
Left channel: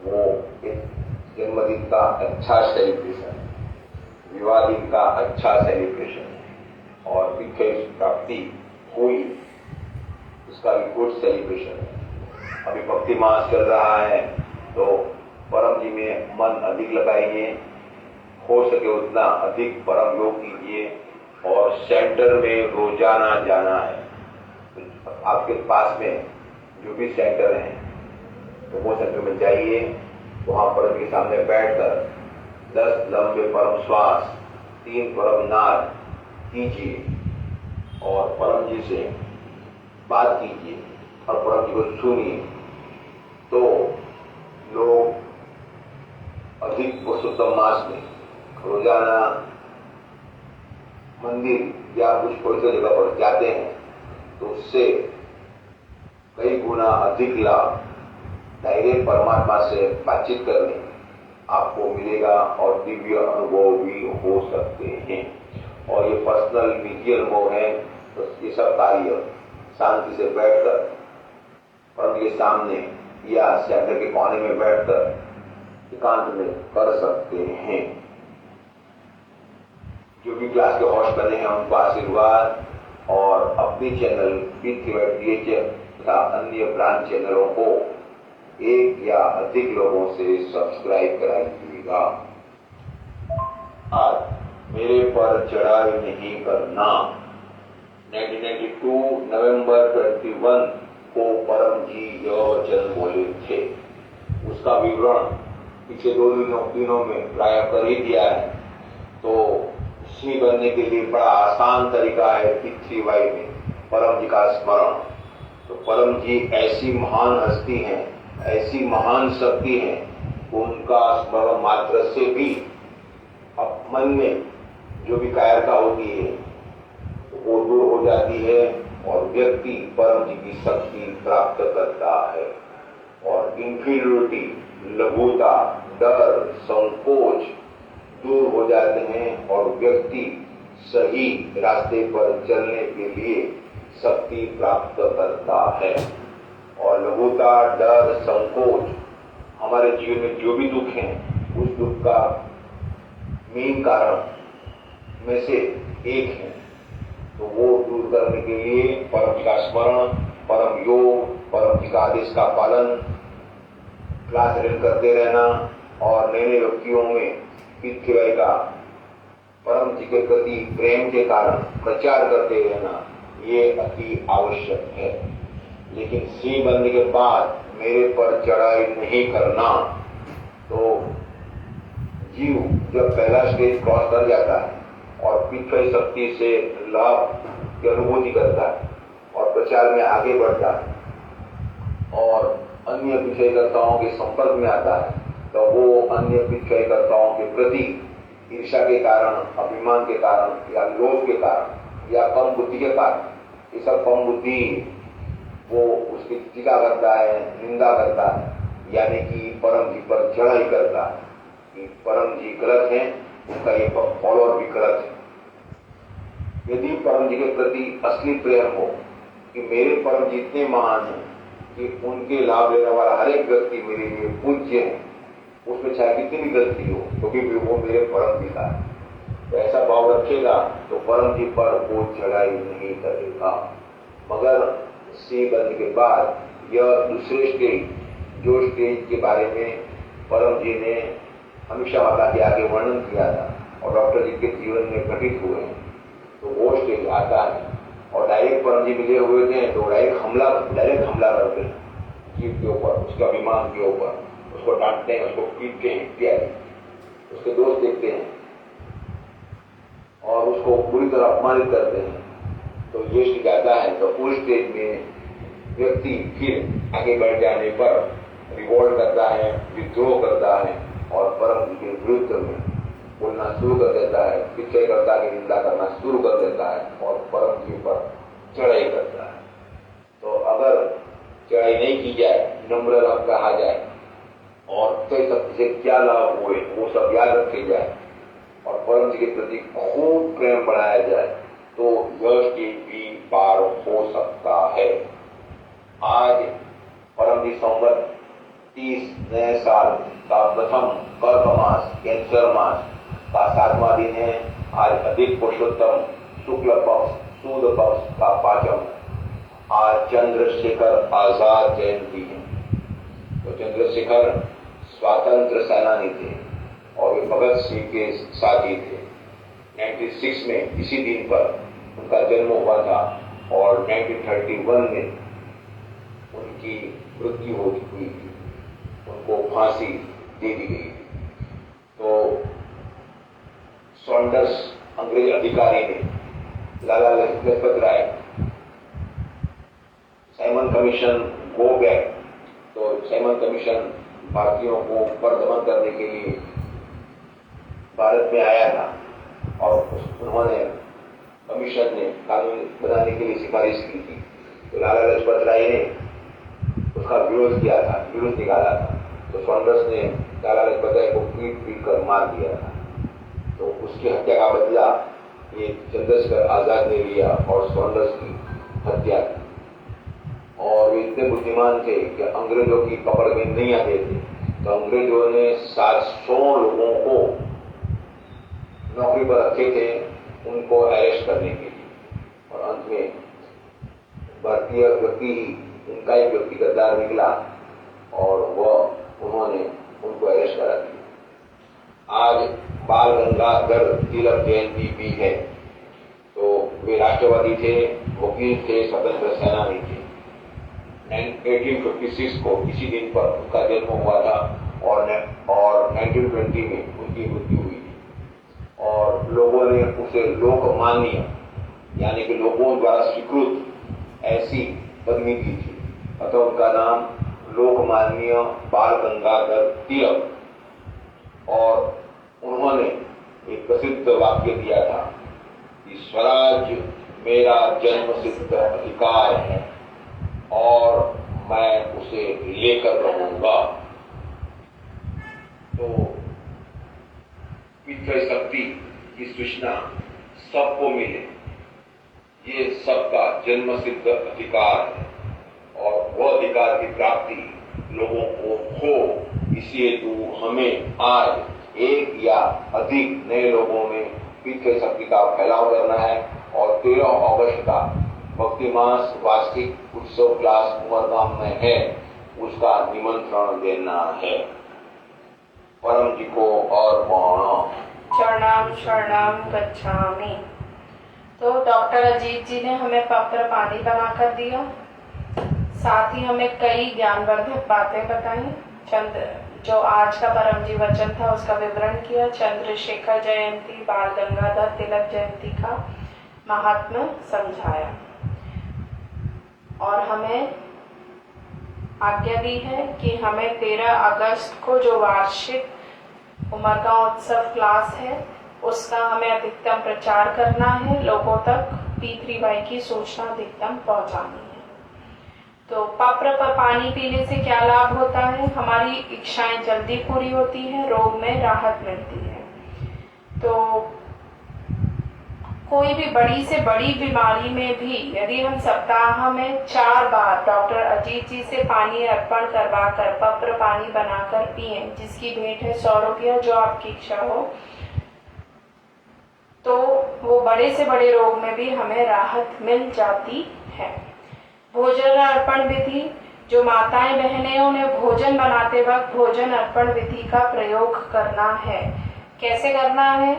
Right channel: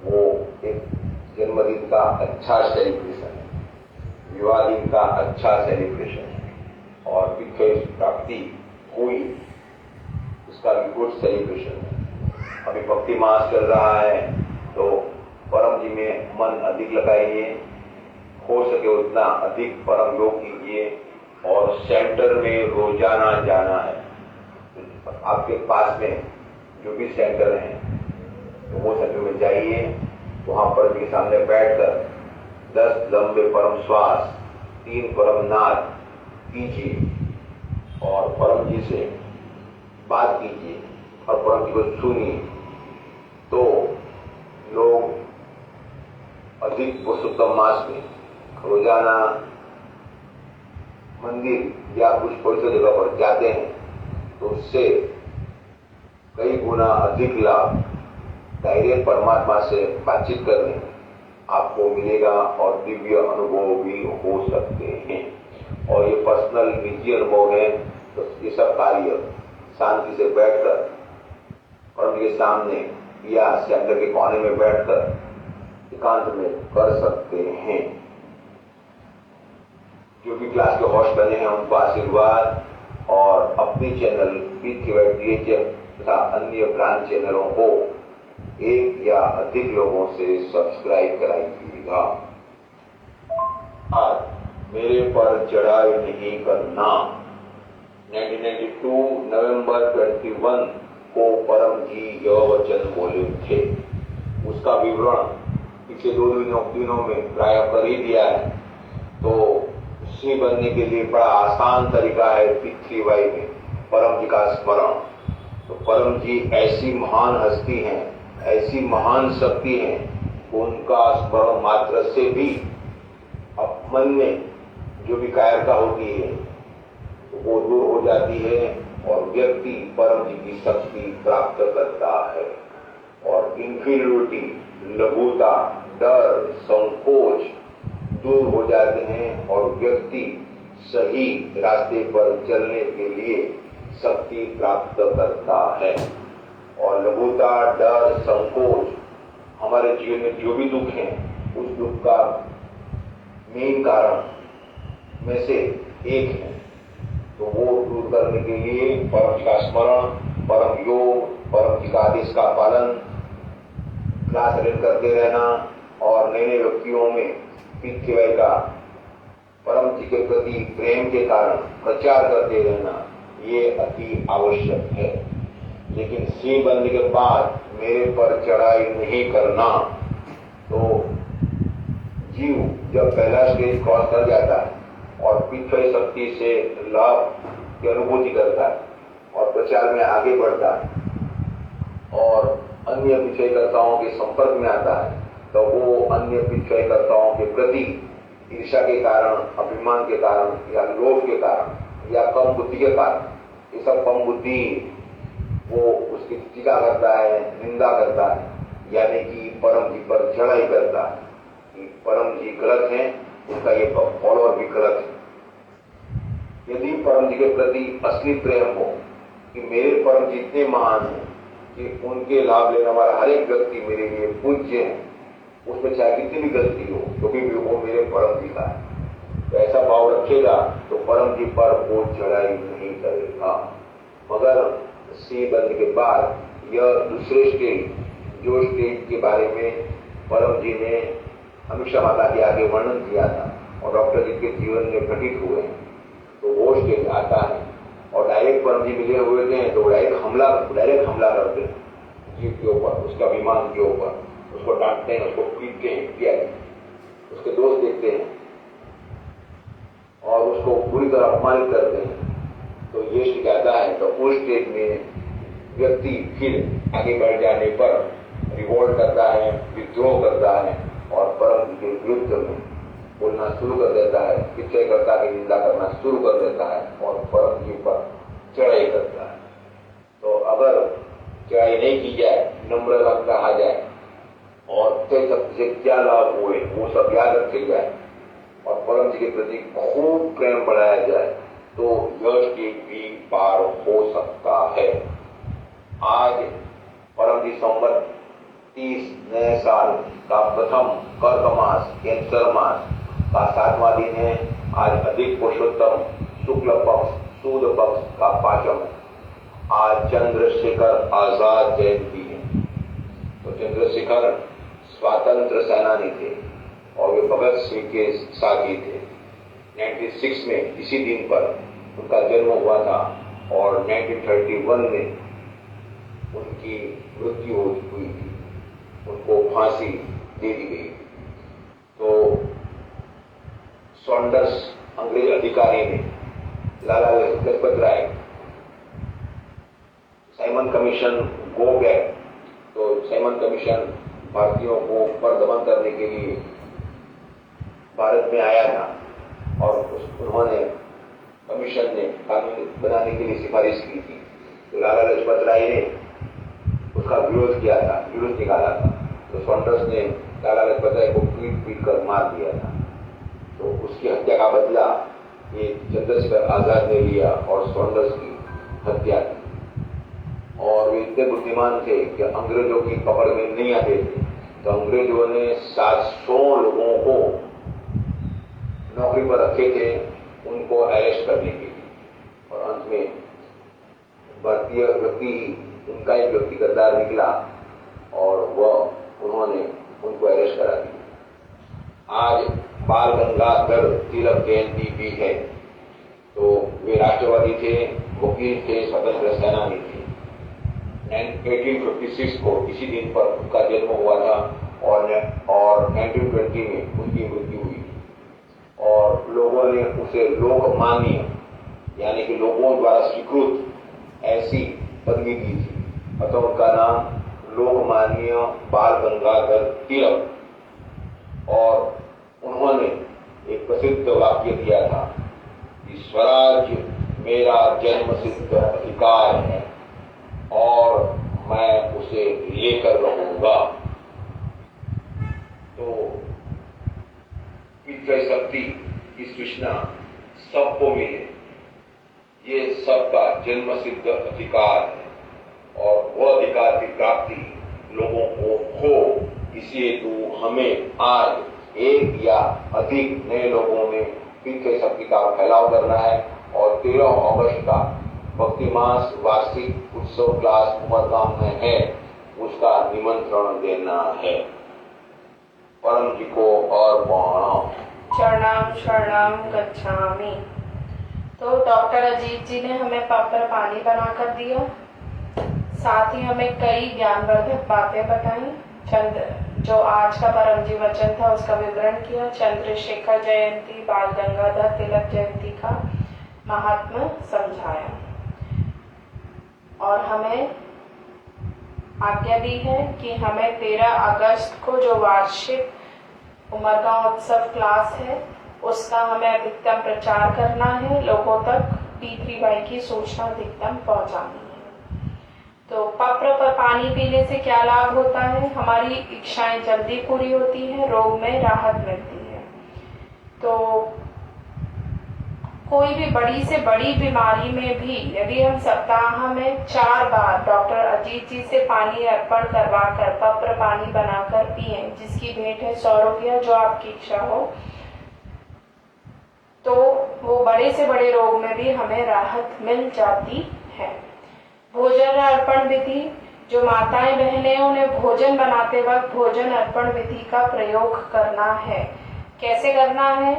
वो एक जन्मदिन का अच्छा सेलिब्रेशन है, विवाह दिन का अच्छा सेलिब्रेशन है और विशेष प्राप्ति हुई उसका भी गुड सेलिब्रेशन है। अभी भक्ति मास चल रहा है तो परम जी में मन अधिक लगाइए, हो सके उतना अधिक परम योग कीजिए और सेंटर में रोजाना जाना है। तो आपके पास में जो भी सेंटर हैं तो वो सेंटर में जाइए, वहां परम के सामने बैठकर 10 लंबे परम श्वास, 3 परम नाद कीजिए और परम जी से बात कीजिए और परम जी को सुनिए। तो लोग अधिक पुरुषोत्तम मास में रोजाना मंदिर या कुछ पवित्र जगह पर जाते हैं तो उससे कई गुना अधिक लाभ डायरेक्ट परमात्मा से बातचीत करने आपको मिलेगा और दिव्य अनुभव भी हो सकते हैं। और ये पर्सनल निजी अनुभव है। तो ये सब कार्य शांति से बैठकर परम के सामने या सेंटर के कोने में बैठकर एकांत में कर सकते हैं। जो भी क्लास के होस्ट बने हैं उनको आशीर्वाद और अपने चैनल पी3वाई तथा अन्य ब्रांच चैनलों को एक या अधिक लोगों से सब्सक्राइब कराइएगा। आज मेरे पर चढ़ाई नहीं करना 1992 नवंबर 21 को परम जी यह वचन बोले थे। उसका विवरण पिछले 2 दिनों में प्राय कर ही दिया है। तो सिंह बनने के लिए बड़ा आसान तरीका है पी3वाई में परम जी का स्मरण। तो परम जी ऐसी महान हस्ती हैं, ऐसी महान शक्ति है, उनका स्मरण मात्र से भी अब मन में जो भी कायरता होती है वो दूर हो जाती है और व्यक्ति परम जी की शक्ति प्राप्त करता है। और इंफीरियोरिटी, लघुता, डर, संकोच दूर हो जाते हैं और व्यक्ति सही रास्ते पर चलने के लिए शक्ति प्राप्त करता है। और लघुता, डर, संकोच हमारे जीवन में जो भी दुख है उस दुख का मेन कारण में से एक है। तो वो दूर करने के लिए परम जी का स्मरण, परम योग, परम जी का आदेश का पालन, क्लास अटेंड करते रहना और नए नए व्यक्तियों में पी3वाई का परम जी के प्रति प्रेम के कारण प्रचार करते रहना ये अति आवश्यक है। लेकिन सिंह बनने के बाद मेरे पर चढ़ाई नहीं करना। तो जीव जब पहला स्टेज क्रॉस कर जाता है और पी3वाई शक्ति से लाभ की अनुभूति करता है प्रचार में आगे बढ़ता है और अन्य पिछड़ेकर्ताओं के संपर्क में आता है, तो वो अन्य पिछड़ेकर्ताओं के प्रति ईर्ष्या के कारण, अभिमान के कारण या लोभ के कारण या कम बुद्धि के कारण, ये सब कम बुद्धि वो उसकी टीका करता है, निंदा करता है, यानी कि परम जी पर चढ़ाई करता है कि परम जी गलत हैं, उनका ये फॉलोअर भी गलत है। यदि परम जी के प्रति असली प्रेम हो कि मेरे परम जी इतने महान हैं कि उनके लाभ लेने वाला हर एक व्यक्ति मेरे लिए पूज्य है, उसमें चाहे कितनी भी गलती हो तो भी वो मेरे परम जी का है, तो ऐसा भाव रखेगा तो परम जी पर वो चढ़ाई नहीं करेगा। मगर सी बनने के बाद यह दूसरे स्टेज, जो स्टेज के बारे में परम जी ने अनुषा माता के आगे वर्णन किया था और डॉक्टर जी के जीवन में घटित हुए हैं, तो वो स्टेज आता है और डायरेक्ट परम जी मिले हुए थे तो डायरेक्ट हमला करते हैं जीव के ऊपर, उसके अभिमान के ऊपर, उसको डांटते हैं, उसको पीटते हैं इत्यादि, उसके दोष देखते हैं और उसको पूरी तरह अपमानित करते हैं। तो ये स्टेज आता है तो उस स्टेज में व्यक्ति फिर आगे बढ़ जाने पर रिवोल्ट करता है, विद्रोह करता है और परम जी के विरुद्ध में बोलना शुरू कर देता है, पिछड़ेकर्ता की निंदा करना शुरू कर देता है और परम जी पर चढ़ाई करता है। तो अगर चढ़ाई नहीं की जाए, नम्र रहा जाए और कई सब से क्या लाभ हुए वो सब याद रखे जाए और परम जी के प्रति खूब प्रेम बढ़ाया जाए, तो यह स्टेज भी पार हो सकता है। आज परम जी संवत 30 नए साल का प्रथम कर्क मास, कैंसर मास का 7वां दिन है। आज अधिक पुरुषोत्तम शुक्ल पक्ष सूद पक्ष का 5वां। आज चंद्रशेखर आजाद जयंती है। तो चंद्रशेखर स्वातंत्र सेनानी थे और वे भगत सिंह के साथी थे। 96 में इसी दिन पर उनका जन्म हुआ था और 1931 में उनकी मृत्यु हुई थी, उनको फांसी दे दी गई। तो सॉन्डर्स अंग्रेज अधिकारी ने Lala Lajpat Rai, Simon commission go back, तो साइमन कमीशन भारतीयों को पर दमन करने के लिए भारत में आया था और उन्होंने कमीशन ने कानून बनाने के लिए सिफारिश की थी। तो लाला लजपत राय ने उसका विरोध किया था, विरोध निकाला था। तो सॉन्डर्स ने लाला लजपत राय को पीट कर मार दिया था। तो उसकी हत्या का बदला ये चंद्रशेखर आजाद ने लिया और सॉन्डर्स की हत्या की। और वे इतने बुद्धिमान थे कि अंग्रेजों की पकड़ में नहीं आते थे, तो अंग्रेजों ने 700 लोगों को नौकरी पर रखे थे उनको अरेस्ट करने के लिए। और अंत में भारतीय व्यक्ति ही उनका एक व्यक्ति गद्दार निकला और उन्होंने उनको अरेस्ट करा दिया। आज बाल गंगाधर तिलक जयंती भी है। तो वे राष्ट्रवादी थे, वकील थे, स्वतंत्र सेनानी थे। 1856 को इसी दिन पर उनका जन्म हुआ था और 1920 में उनकी मृत्यु हुई थी। और लोगों ने उसे लोकमान्य यानी कि लोगों द्वारा स्वीकृत ऐसी पदवी दी थी, अतः उनका नाम लोकमान्य बाल गंगाधर तिलक। और उन्होंने एक प्रसिद्ध वाक्य दिया था कि स्वराज मेरा जन्मसिद्ध अधिकार है और मैं उसे लेकर रहूंगा। तो पितृ शक्ति की सूचना सबको मिले, ये सबका जन्मसिद्ध अधिकार है और वह अधिकार की प्राप्ति लोगों को हो, इसलिए तो हमें आज एक या अधिक नए लोगों में पितृ शक्ति का फैलाव करना है। और 13 अगस्त का भक्ति मास वार्षिक उत्सव क्लास उमरगाम में है, उसका निमंत्रण देना है। परम जी को और शरणाम शरणाम गच्छामि। तो डॉक्टर अजीत जी ने हमें पवित्र पानी बनाकर दिया, साथ ही हमें कई ज्ञानवर्धक बातें बताई। जो आज का परम जी वचन था उसका विवरण किया। चंद्रशेखर जयंती, बाल गंगाधर तिलक जयंती का महात्म्य समझाया। और हमें आज्ञा दी है कि हमें 13 अगस्त को जो वार्षिक उमरगांव उत्सव क्लास है उसका हमें अधिकतम प्रचार करना है, लोगों तक P3Y की सूचना अधिकतम पहुंचानी है। तो पत्र पर पानी पीने से क्या लाभ होता है? हमारी इच्छाएं जल्दी पूरी होती हैं, रोग में राहत मिलती है। तो कोई भी बड़ी से बड़ी बीमारी में भी यदि हम सप्ताह में 4 बार डॉक्टर अजीत जी से पानी अर्पण करवा कर पत्र पानी बनाकर पिए, जिसकी भेंट है 100 रुपया, जो आपकी इच्छा हो, तो वो बड़े से बड़े रोग में भी हमें राहत मिल जाती है। भोजन अर्पण विधि, जो माताएं बहनें उन्हें भोजन बनाते वक्त भोजन अर्पण विधि का प्रयोग करना है। कैसे करना है?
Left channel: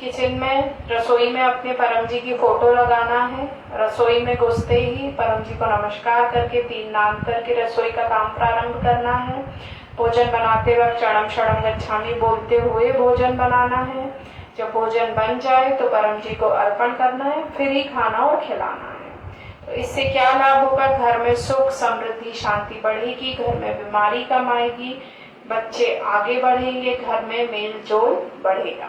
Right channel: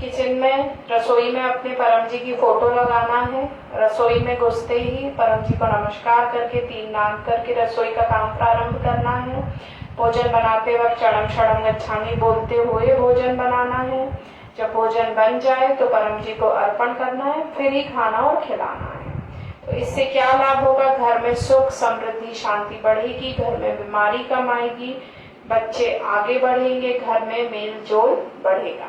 किचन में, रसोई में अपने परम जी की फोटो लगाना है। रसोई में घुसते ही परम जी को नमस्कार करके 3 नाम करके रसोई का काम प्रारंभ करना है। भोजन बनाते वक्त चरणम शरणम गच्छामि बोलते हुए भोजन बनाना है। जब भोजन बन जाए तो परम जी को अर्पण करना है, फिर ही खाना और खिलाना है। तो इससे क्या लाभ होगा? घर में सुख समृद्धि शांति बढ़ेगी, घर में बीमारी कम आएगी, बच्चे आगे बढ़ेंगे, घर में मेल जोल बढ़ेगा।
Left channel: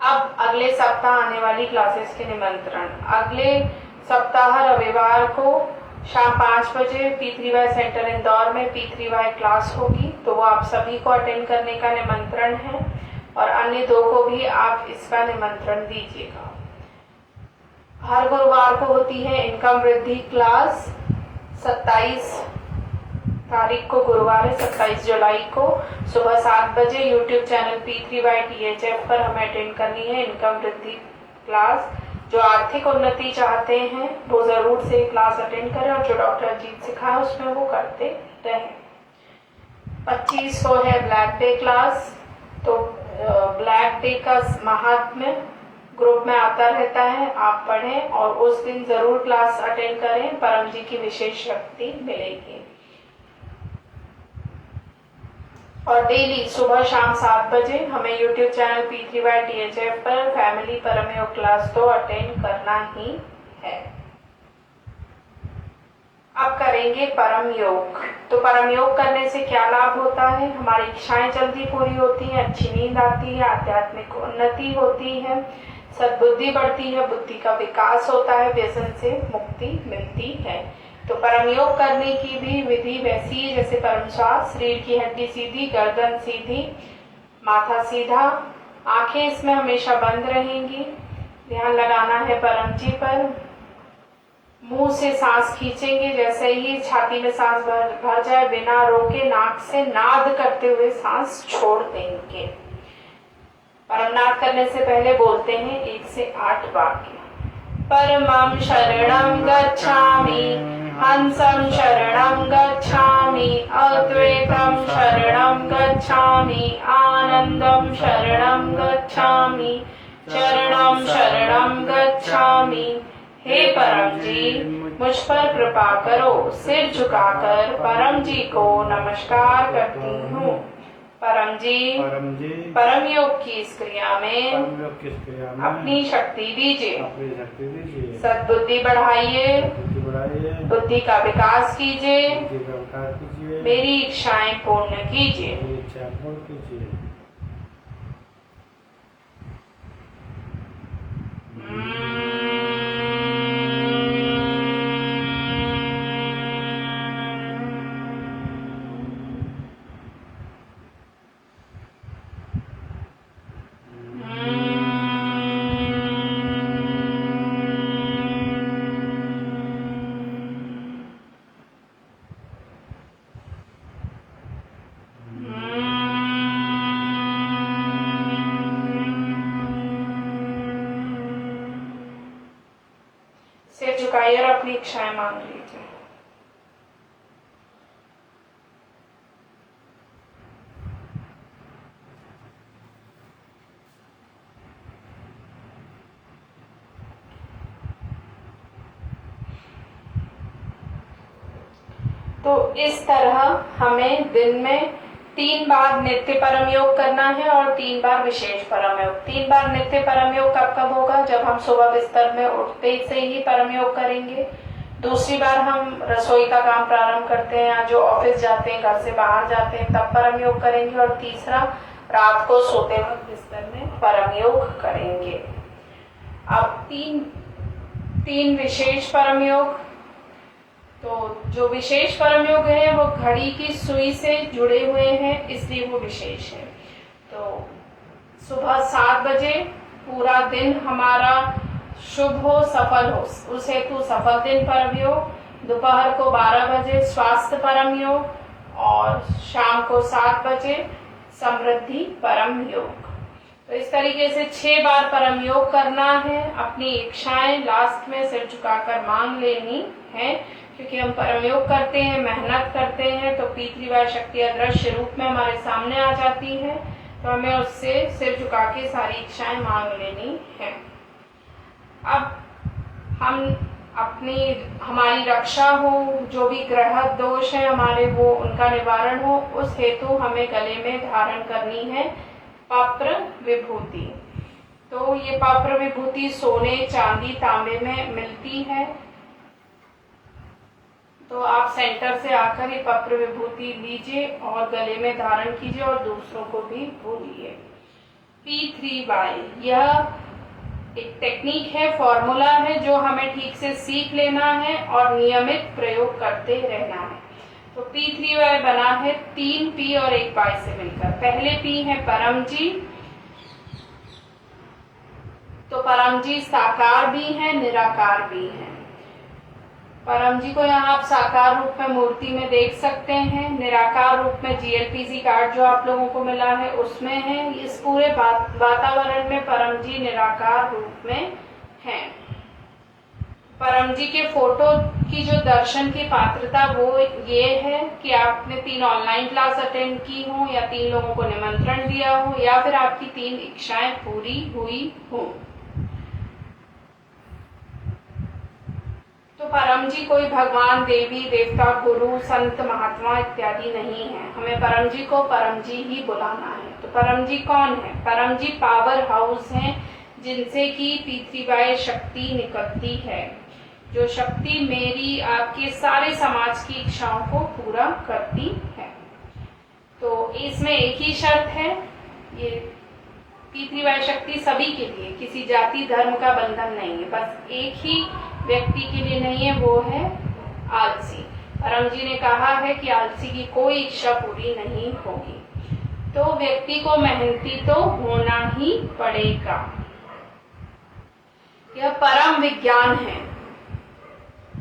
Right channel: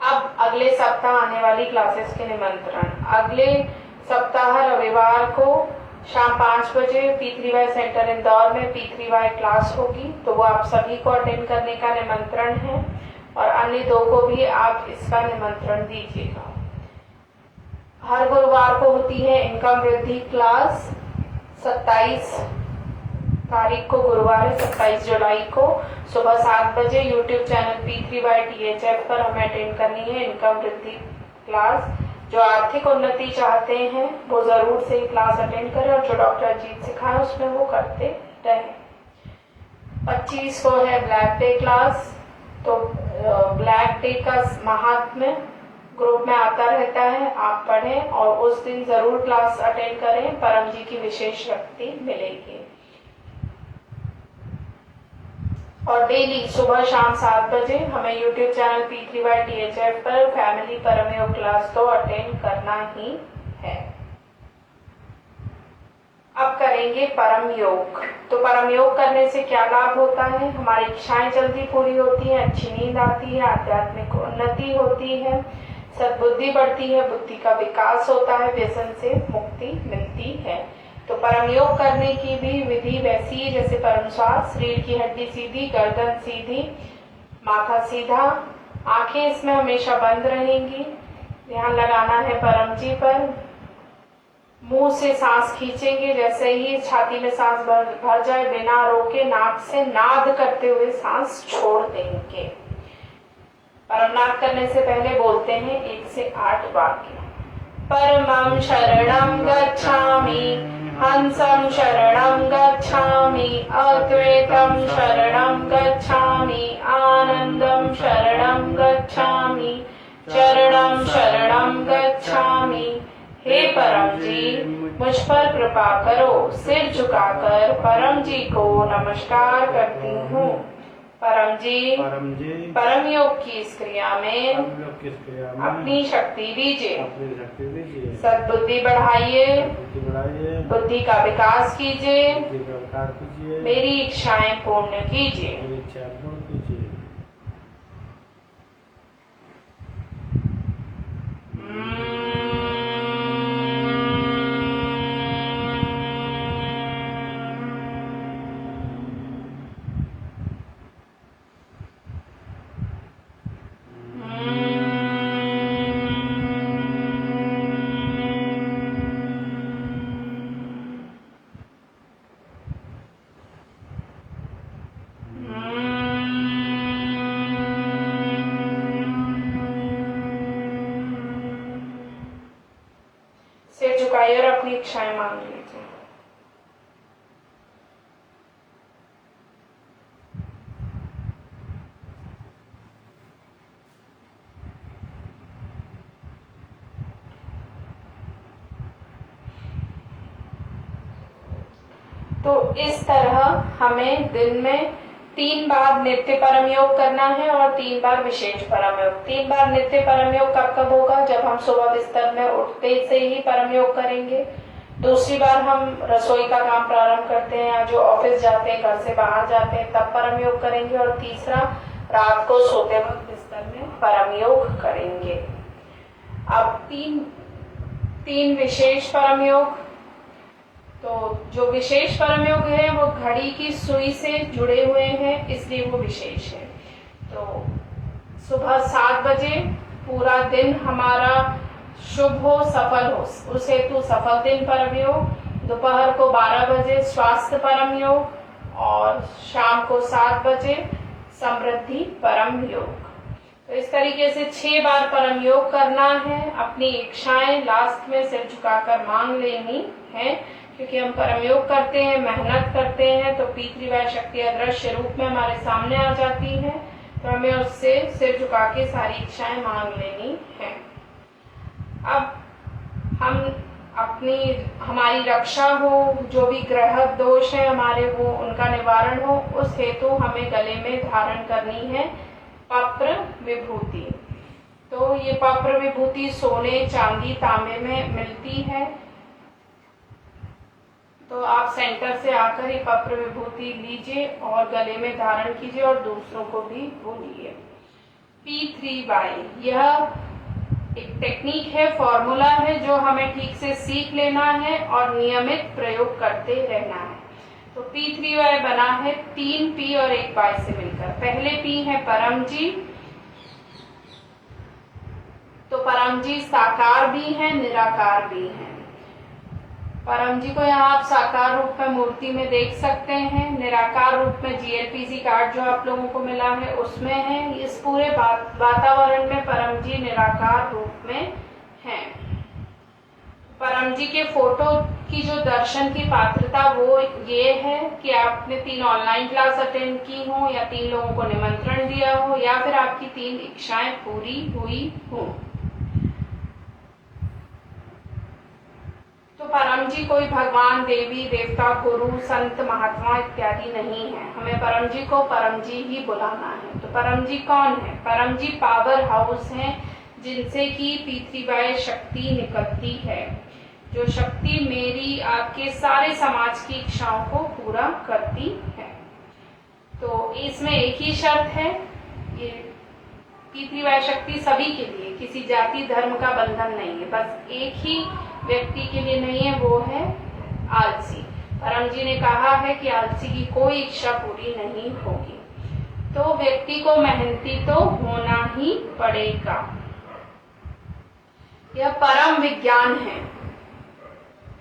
अब अगले सप्ताह आने वाली क्लासेस के निमंत्रण। अगले सप्ताह रविवार को शाम 5 बजे P3Y सेंटर इंदौर में P3Y क्लास होगी, तो वो आप सभी को अटेंड करने का निमंत्रण है और अन्य 2 को भी आप इसका निमंत्रण दीजिएगा। हर गुरुवार को होती है इनकम वृद्धि क्लास। 27 तारीख को गुरुवार है, 27 जुलाई को सुबह 7 बजे यूट्यूब चैनल P3Y THF पर हमें अटेंड करनी है इनकम वृद्धि क्लास। जो आर्थिक उन्नति चाहते हैं वो जरूर से क्लास अटेंड करें और जो डॉक्टर अजीत सिखाए उसमें वो करते रहें। 25 को है ब्लैक डे क्लास। तो ब्लैक डे का महात्म्य ग्रुप में आता रहता है, आप पढ़ें और उस दिन जरूर क्लास अटेंड करें, परम जी की विशेष शक्ति मिलेगी। और डेली सुबह शाम 7 बजे हमें यूट्यूब चैनल P3Y THF पर फैमिली परम योग क्लास तो अटेंड करना ही है। अब करेंगे परम योग। तो परम योग करने से क्या लाभ होता है? हमारी इच्छाएं जल्दी पूरी होती हैं, अच्छी नींद आती है, आध्यात्मिक उन्नति होती है, सद्बुद्धि बढ़ती है, बुद्धि का विकास होता है, व्यसन से मुक्ति मिलती है। तो परम योग करने की भी विधि वैसी है जैसे परम श्वास। शरीर की हड्डी सीधी, गर्दन सीधी, माथा सीधा, आंखें इसमें हमेशा बंद रहेंगी। ध्यान लगाना है परम जी पर। मुंह से सांस खींचेंगे, जैसे ही छाती में सांस भर जाए बिना रोके नाक से नाद करते हुए सांस छोड़ देंगे। परमनाद करने से पहले बोलते हैं 1 से 8 वाक्य। परमं शरणं गच्छामि, हंसं शरणं गच्छामि, अद्वैतं शरणं गच्छामि, आनंदं शरणं गच्छामि, चरणं शरणं गच्छामि। हे परम जी, मुझ पर कृपा करो। सिर झुकाकर परम जी को नमस्कार करती हूँ। परम जी परम योग की इस क्रिया में अपनी शक्ति दीजिए, सद्बुद्धि बढ़ाइए, बुद्धि का विकास कीजिए, मेरी इच्छाएं पूर्ण कीजिए। सिर झुकाइए और अपनी इच्छाएं मांग लीजिए। तो इस तरह हमें दिन में 3 बार नित्य परम योग करना है और 3 बार विशेष परम योग। 3 बार नित्य परम योग कब कब होगा? जब हम सुबह बिस्तर में उठते से ही परम योग करेंगे। दूसरी बार हम रसोई का काम प्रारंभ करते हैं या जो ऑफिस जाते हैं, घर से बाहर जाते हैं, तब परम योग करेंगे। और तीसरा, रात को सोते वक्त बिस्तर में परम योग करेंगे। अब तीन विशेष परम योग। तो जो विशेष परम योग है वो घड़ी की सुई से जुड़े हुए हैं, इसलिए वो विशेष है। तो सुबह 7 बजे पूरा दिन हमारा शुभ हो, सफल हो, उस हेतु सफल दिन परम योग। दोपहर को 12 बजे स्वास्थ्य परम योग और शाम को 7 बजे समृद्धि परम योग। तो इस तरीके से 6 बार परम योग करना है। अपनी इच्छाएं लास्ट में सिर झुकाकर मांग लेनी है, क्योंकि हम परम योग करते हैं, मेहनत करते हैं, तो पितृवाय शक्ति अदृश्य रूप में हमारे सामने आ जाती है। तो हमें उससे सिर झुका के सारी इच्छाएं मांग लेनी है। अब हमारी रक्षा हो, जो भी ग्रह दोष है हमारे वो उनका निवारण हो, उस हेतु हमें गले में धारण करनी है पप्र विभूति। तो ये पप्र विभूति सोने, चांदी, तांबे में मिलती है। तो आप सेंटर से आकर ये पप्र विभूति लीजिए और गले में धारण कीजिए और दूसरों को भी बोलिए। P3Y यह एक टेक्निक है, फॉर्मूला है, जो हमें ठीक से सीख लेना है और नियमित प्रयोग करते रहना है। तो P3Y बना है 3 P और 1 Y से मिलकर। पहले P है परम जी। तो परम जी साकार भी हैं, निराकार भी हैं। परम जी को यहाँ आप साकार रूप में मूर्ति में देख सकते हैं, निराकार रूप में GLPC कार्ड जो आप लोगों को मिला है उसमें है। इस पूरे वातावरण में परम जी निराकार रूप में हैं। परम जी के फोटो की जो दर्शन की पात्रता वो ये है कि आपने 3 ऑनलाइन क्लास अटेंड की हो, या 3 लोगों को निमंत्रण दिया हो, या फिर आपकी 3 इच्छाएं पूरी हुई हो। तो परम जी कोई भगवान, देवी, देवता, गुरु, संत, महात्मा इत्यादि नहीं है। हमें परम जी को परम जी ही बुलाना है। तो परम जी कौन है? परम जी पावर हाउस हैं, जिनसे कि पितृवाय शक्ति निकलती है, जो शक्ति मेरी, आपके, सारे समाज की इच्छाओं को पूरा करती है। तो इसमें एक ही शर्त है, ये पितृवाय शक्ति सभी के लिए, किसी जाति धर्म का बंधन नहीं है। बस एक ही व्यक्ति के लिए नहीं है, वो है आलसी। परम जी ने कहा है कि आलसी की कोई इच्छा पूरी नहीं होगी। तो व्यक्ति को मेहनती तो होना ही पड़ेगा। यह परम विज्ञान है।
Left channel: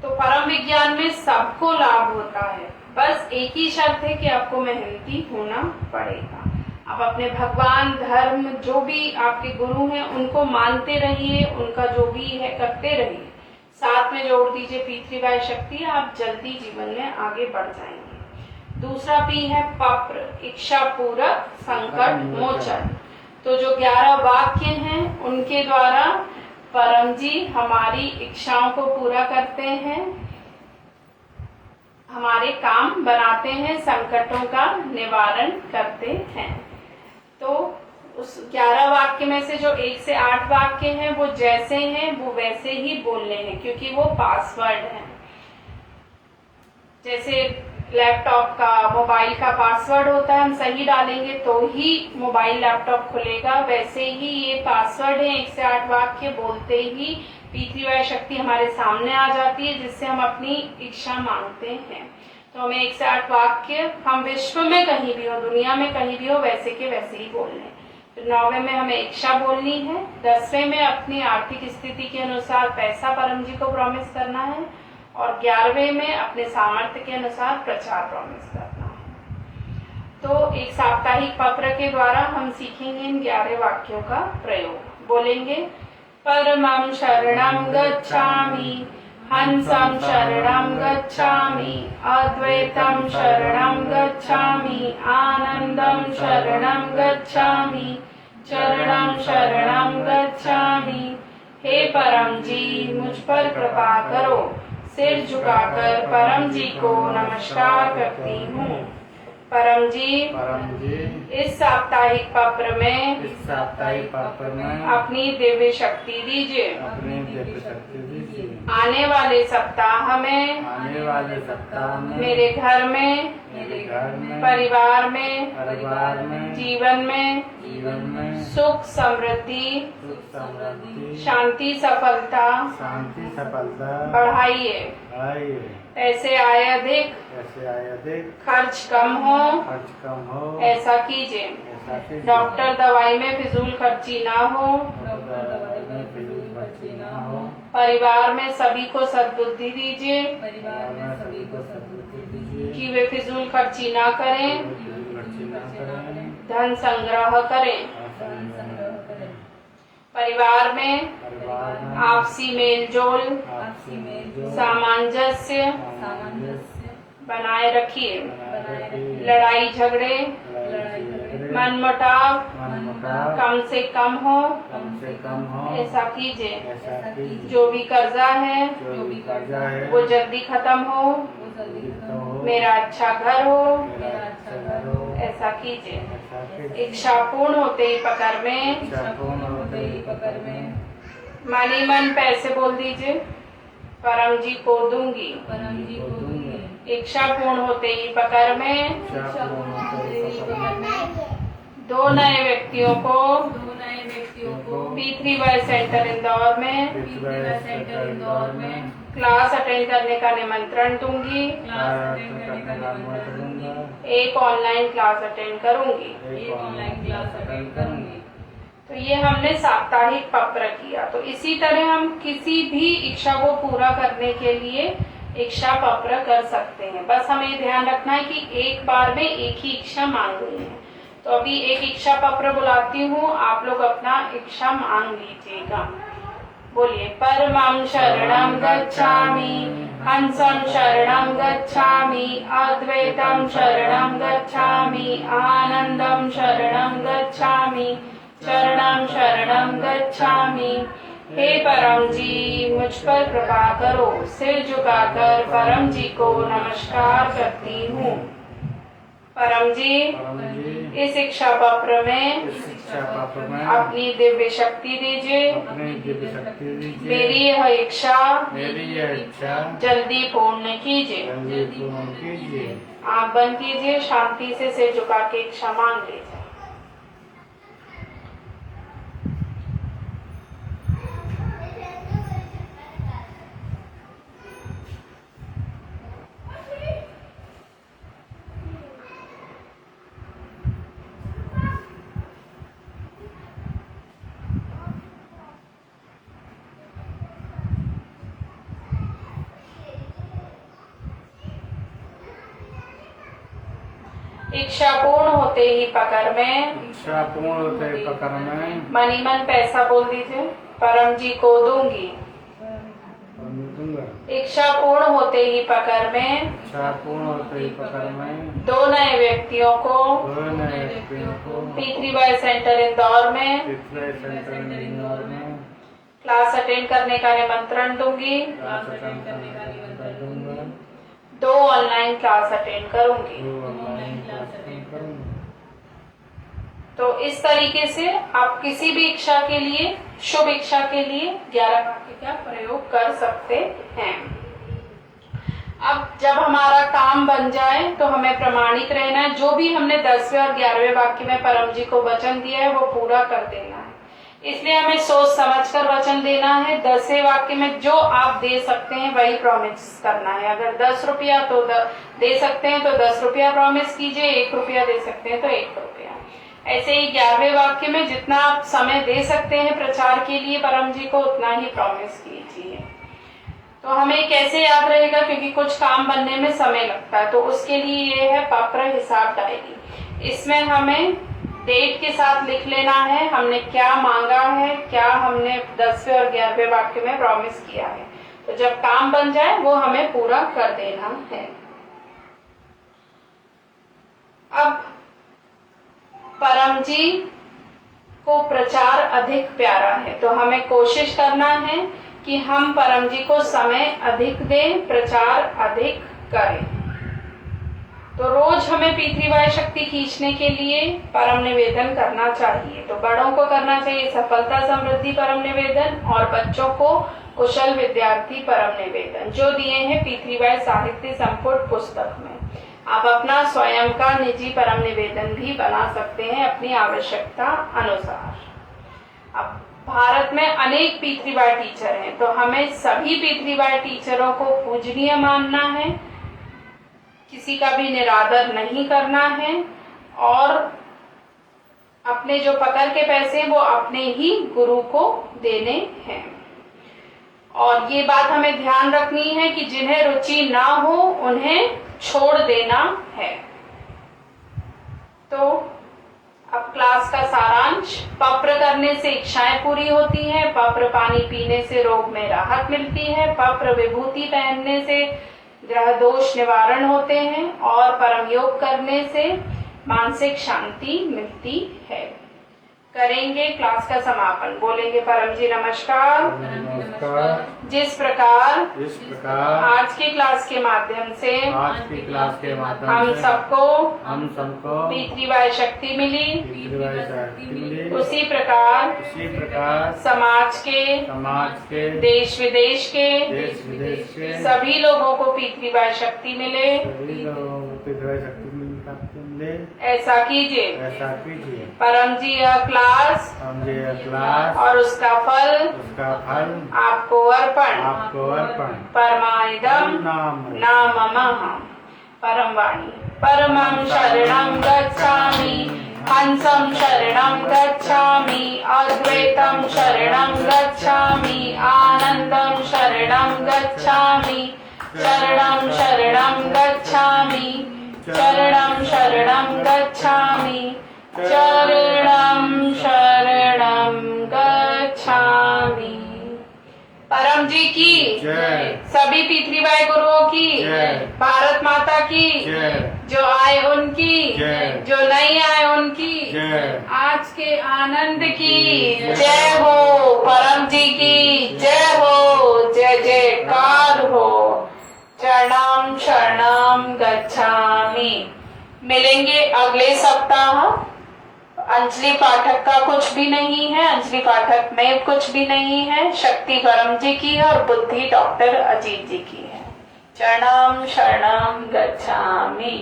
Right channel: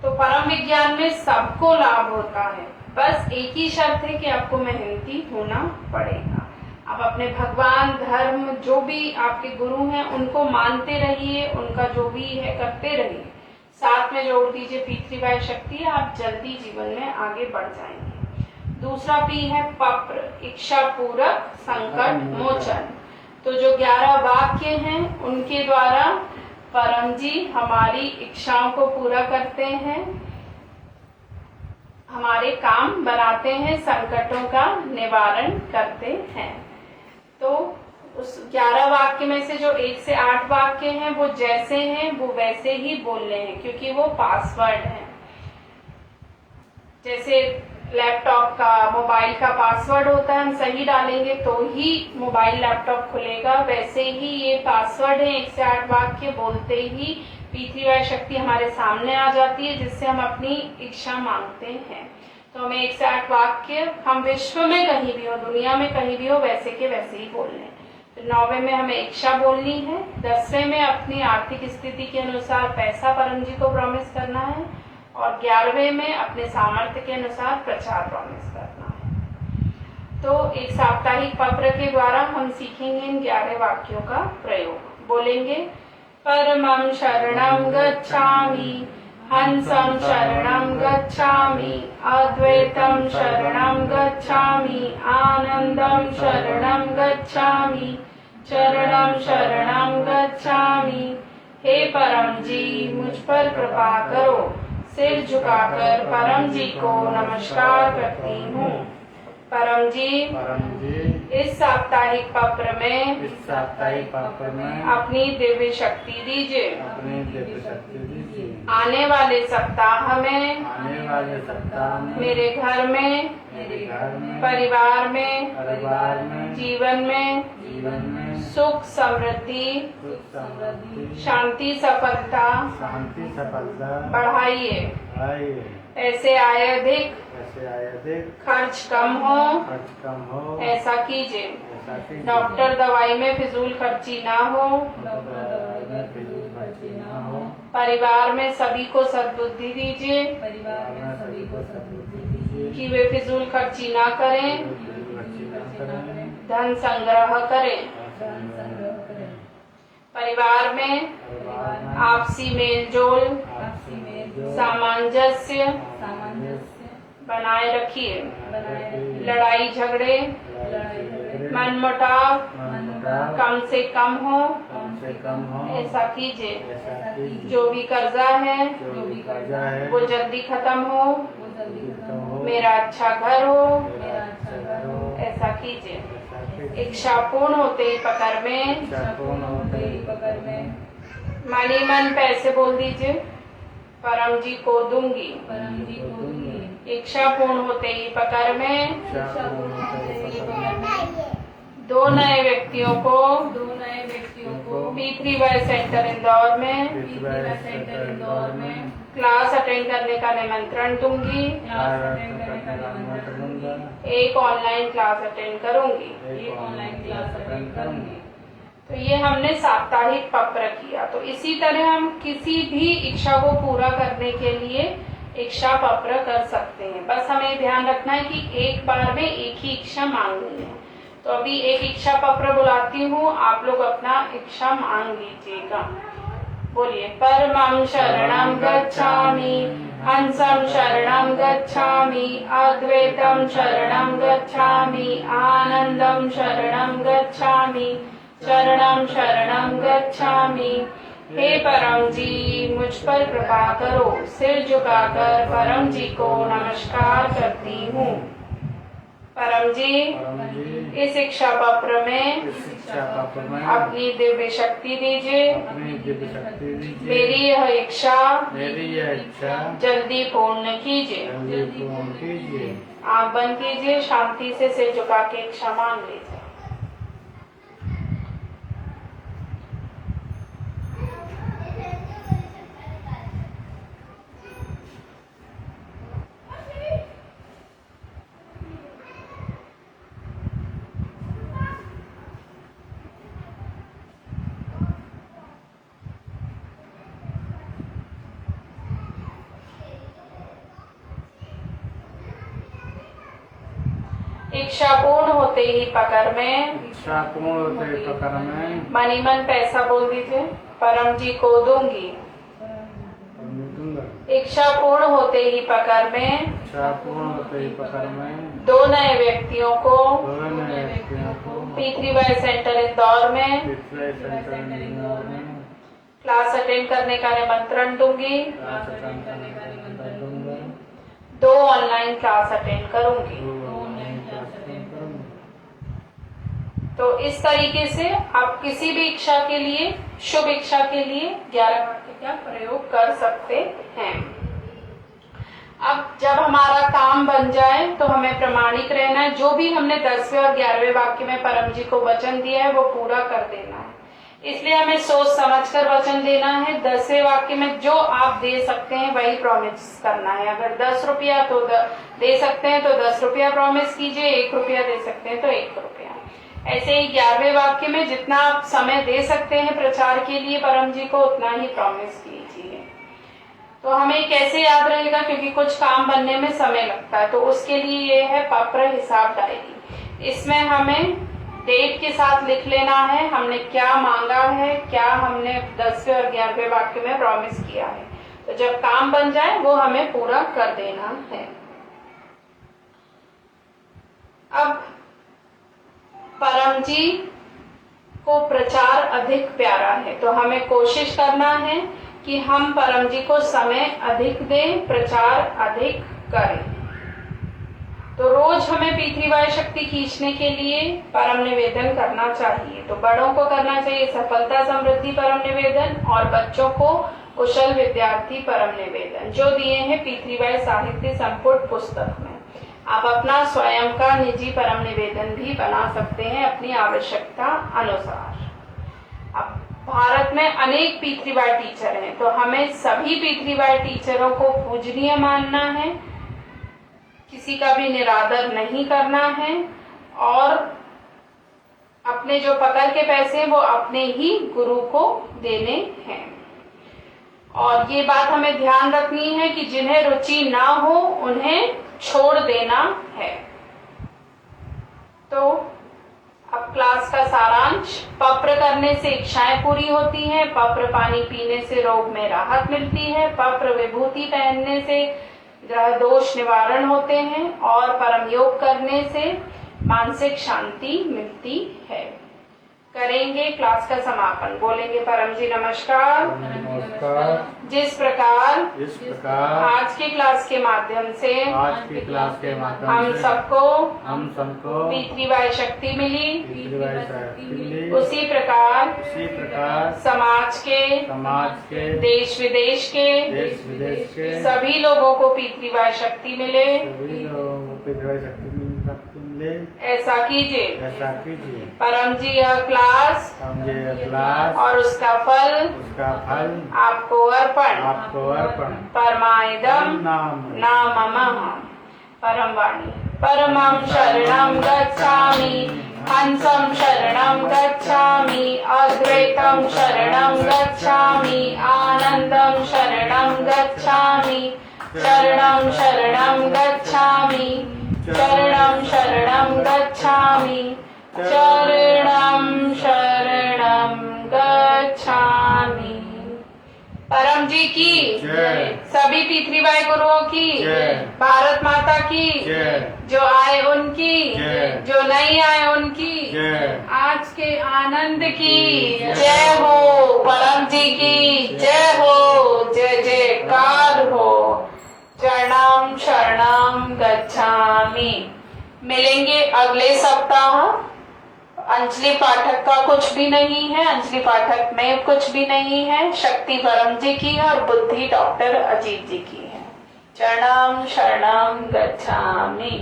तो परम विज्ञान में सबको लाभ होता है, बस एक ही शर्त है कि आपको मेहनती होना पड़ेगा। आप अपने भगवान, धर्म, जो भी आपके गुरु हैं उनको मानते रहिए, उनका जो भी है करते रहिए, साथ में जोड़ दीजिए पितृवाय शक्ति, आप जल्दी जीवन में आगे बढ़ जाएंगे। दूसरा P है पप्र, इच्छा पूरक संकट मोचन। तो जो 11 वाक्य हैं उनके द्वारा परम जी हमारी इच्छाओं को पूरा करते हैं, हमारे काम बनाते हैं, संकटों का निवारण करते हैं। तो उस 11 वाक्य में से जो 1 से 8 वाक्य हैं वो जैसे हैं वो वैसे ही बोलने हैं, क्योंकि वो पासवर्ड हैं। जैसे लैपटॉप का, मोबाइल का पासवर्ड होता है, हम सही डालेंगे तो ही मोबाइल लैपटॉप खुलेगा, वैसे ही ये पासवर्ड है। 1 से 8 वाक्य बोलते ही पितृवाय शक्ति हमारे सामने आ जाती है, जिससे हम अपनी इच्छा मांगते हैं। तो हमें 1 से 8 वाक्य, हम विश्व में कहीं भी हो, दुनिया में कहीं भी हो, वैसे के वैसे ही बोलने हैं। तो 9वें में हमें इच्छा बोलनी है। 10वें में अपनी आर्थिक स्थिति के अनुसार पैसा परम जी को प्रॉमिस करना है, और 11वें में अपने सामर्थ्य के अनुसार प्रचार प्रॉमिस करना है। तो एक साप्ताहिक पत्र के द्वारा हम सीखेंगे इन 11 वाक्यों का प्रयोग। बोलेंगे, परमं शरणं गच्छामि, हंसं शरणं गच्छामि, अद्वैतं शरणं गच्छामि, आनंदं शरणं गच्छामि, चरणं शरणं गच्छामि। हे परम जी, मुझ पर कृपा करो। सिर झुकाकर परम जी को नमस्कार करती हूँ। परम जी, इस साप्ताहिक पत्र में अपनी दिव्य शक्ति दीजिए। आने वाले सप्ताह में मेरे घर में, परिवार में, जीवन में सुख समृद्धि, शांति सफलता बढ़ाइए। पैसे आए अधिक, खर्च कम हो, ऐसा कीजिए। डॉक्टर दवाई में फिजूल खर्ची ना हो, परिवार में सभी को सद्बुद्धि दीजिए कि वे फिजूल खर्ची ना करें, धन संग्रह करें। परिवार में आपसी मेलजोल, सामंजस्य बनाए रखिए। लड़ाई झगड़े, मनमुटाव कम से कम हो, ऐसा कीजिए। जो भी कर्जा है वो जल्दी खत्म हो, मेरा अच्छा घर हो, ऐसा कीजिए। इच्छा पूर्ण होते ही पकड़ में मनी मन पैसे बोल दीजिए, परम जी को दूंगी। इच्छा पूर्ण होते ही पकड़ में 2 नए व्यक्तियों को P3Y सेंटर इंदौर में क्लास अटेंड करने का निमंत्रण दूंगी। एक ऑनलाइन क्लास अटेंड करूंगी। तो ये हमने साप्ताहिक पत्र किया। तो इसी तरह हम किसी भी इच्छा को पूरा करने के लिए इच्छा पत्र कर सकते हैं। बस हमें ध्यान रखना है कि एक बार में एक ही इच्छा मांगनी है। तो अभी एक इच्छा पत्र बुलाती हूँ, आप लोग अपना इच्छा मांग लीजिएगा। बोलिए। परमं शरणं गच्छामि, हंसं शरणं गच्छामि, अद्वैतं शरणं गच्छामि, आनंदं शरणं गच्छामि, चरणं शरणं गच्छामि। हे परम जी, मुझ पर कृपा करो। सिर झुकाकर परम जी को नमस्कार करती हूँ। परम जी, इस इच्छा पत्र में अपनी दिव्य शक्ति दीजिए। मेरी यह इच्छा जल्दी पूर्ण कीजिए। आंख बंद कीजिए, शांति से सिर झुका के इच्छा मांग लीजिए। इच्छा पूर्ण होते ही पकड़ में मनी मन पैसा बोल दीजिए, परम जी को दूंगी। इच्छा पूर्ण होते ही पकड़ में 2 नए व्यक्तियों को P3Y सेंटर इंदौर में क्लास अटेंड करने का निमंत्रण दूंगी। 2 ऑनलाइन क्लास अटेंड करूंगी। तो इस तरीके से आप किसी भी इच्छा के लिए, शुभ इच्छा के लिए 11 वाक्य का प्रयोग कर सकते हैं। अब जब हमारा काम बन जाए तो हमें प्रमाणिक रहना है। जो भी हमने 10वें और 11वें वाक्य में परम जी को वचन दिया है वो पूरा कर देना है। इसलिए हमें सोच समझ कर वचन देना है। 10वें वाक्य में जो आप दे सकते हैं वही प्रॉमिस करना है। अगर 10 रुपया तो दे सकते हैं तो 10 रुपया प्रॉमिस कीजिए, 1 रुपया दे सकते हैं तो 1 रुपया। ऐसे ही 11वें वाक्य में जितना आप समय दे सकते हैं प्रचार के लिए परम जी को, उतना ही प्रॉमिस कीजिए। तो हमें कैसे याद रहेगा, क्योंकि कुछ काम बनने में समय लगता है। तो उसके लिए ये है पत्र हिसाब डायरी। इसमें हमें डेट के साथ लिख लेना है हमने क्या मांगा है, क्या हमने 10वें और 11वें वाक्य में प्रॉमिस किया है। तो जब काम बन जाए वो हमें पूरा कर देना है। अब परम जी को प्रचार अधिक प्यारा है, तो हमें कोशिश करना है कि हम परम जी को समय अधिक दें, प्रचार अधिक करें। तो रोज हमें P3Y शक्ति खींचने के लिए परम निवेदन करना चाहिए। तो बड़ों को करना चाहिए सफलता समृद्धि परम निवेदन, और बच्चों को कुशल विद्यार्थी परम निवेदन, जो दिए हैं पी3 साहित्य संपुट पुस्तक में। आप अपना स्वयं का निजी परम निवेदन भी बना सकते हैं अपनी आवश्यकता अनुसार। अब भारत में अनेक पी3 टीचर हैं, तो हमें सभी पी3 टीचरों को पूजनीय मानना है, किसी का भी निरादर नहीं करना है, और अपने जो पकड़ के पैसे हैं वो अपने ही गुरु को देने हैं। और ये बात हमें ध्यान रखनी है कि जिन्हें रुचि ना हो उन्हें छोड़ देना है। तो अब क्लास का सारांश। पप्र करने से इच्छाएं पूरी होती हैं, पप्र पानी पीने से रोग में राहत मिलती है, पप्र विभूति पहनने से ग्रह दोष निवारण होते हैं, और परम योग करने से मानसिक शांति मिलती है। करेंगे क्लास का समापन। बोलेंगे परम जी नमस्कार। नमस्कार। जिस प्रकार आज की क्लास के माध्यम से हम सबको पी3 शक्ति मिली, उसी प्रकार समाज के देश विदेश के सभी लोगों को पी3 शक्ति मिले। ऐसा कीजिए। परम जी यह क्लास और उसका फल आपको अर्पण परमाइदम नाममः। परम वाणी। परमं शरणं गच्छामि, हंसं शरणं गच्छामि, अद्वैतं शरणं गच्छामि, आनन्दं शरणं गच्छामि, शरणं शरणं गच्छामि, शरणं शरणं गच्छामि, शरणं शरणं गच्छामि। परम जी की सभी पी3 गुरुओं की, भारत माता की, जो आए उनकी, जो नहीं आए उनकी, आज के आनंद की जय हो। परम जी की जय हो, जय जयकार हो। चरणं शरणं गच्छामि। मिलेंगे अगले सप्ताह। अंजलि पाठक का कुछ भी नहीं है, अंजलि पाठक में कुछ भी नहीं है। शक्ति परम जी की है और बुद्धि डॉक्टर अजीत जी की है। चरणं शरणं गच्छामि।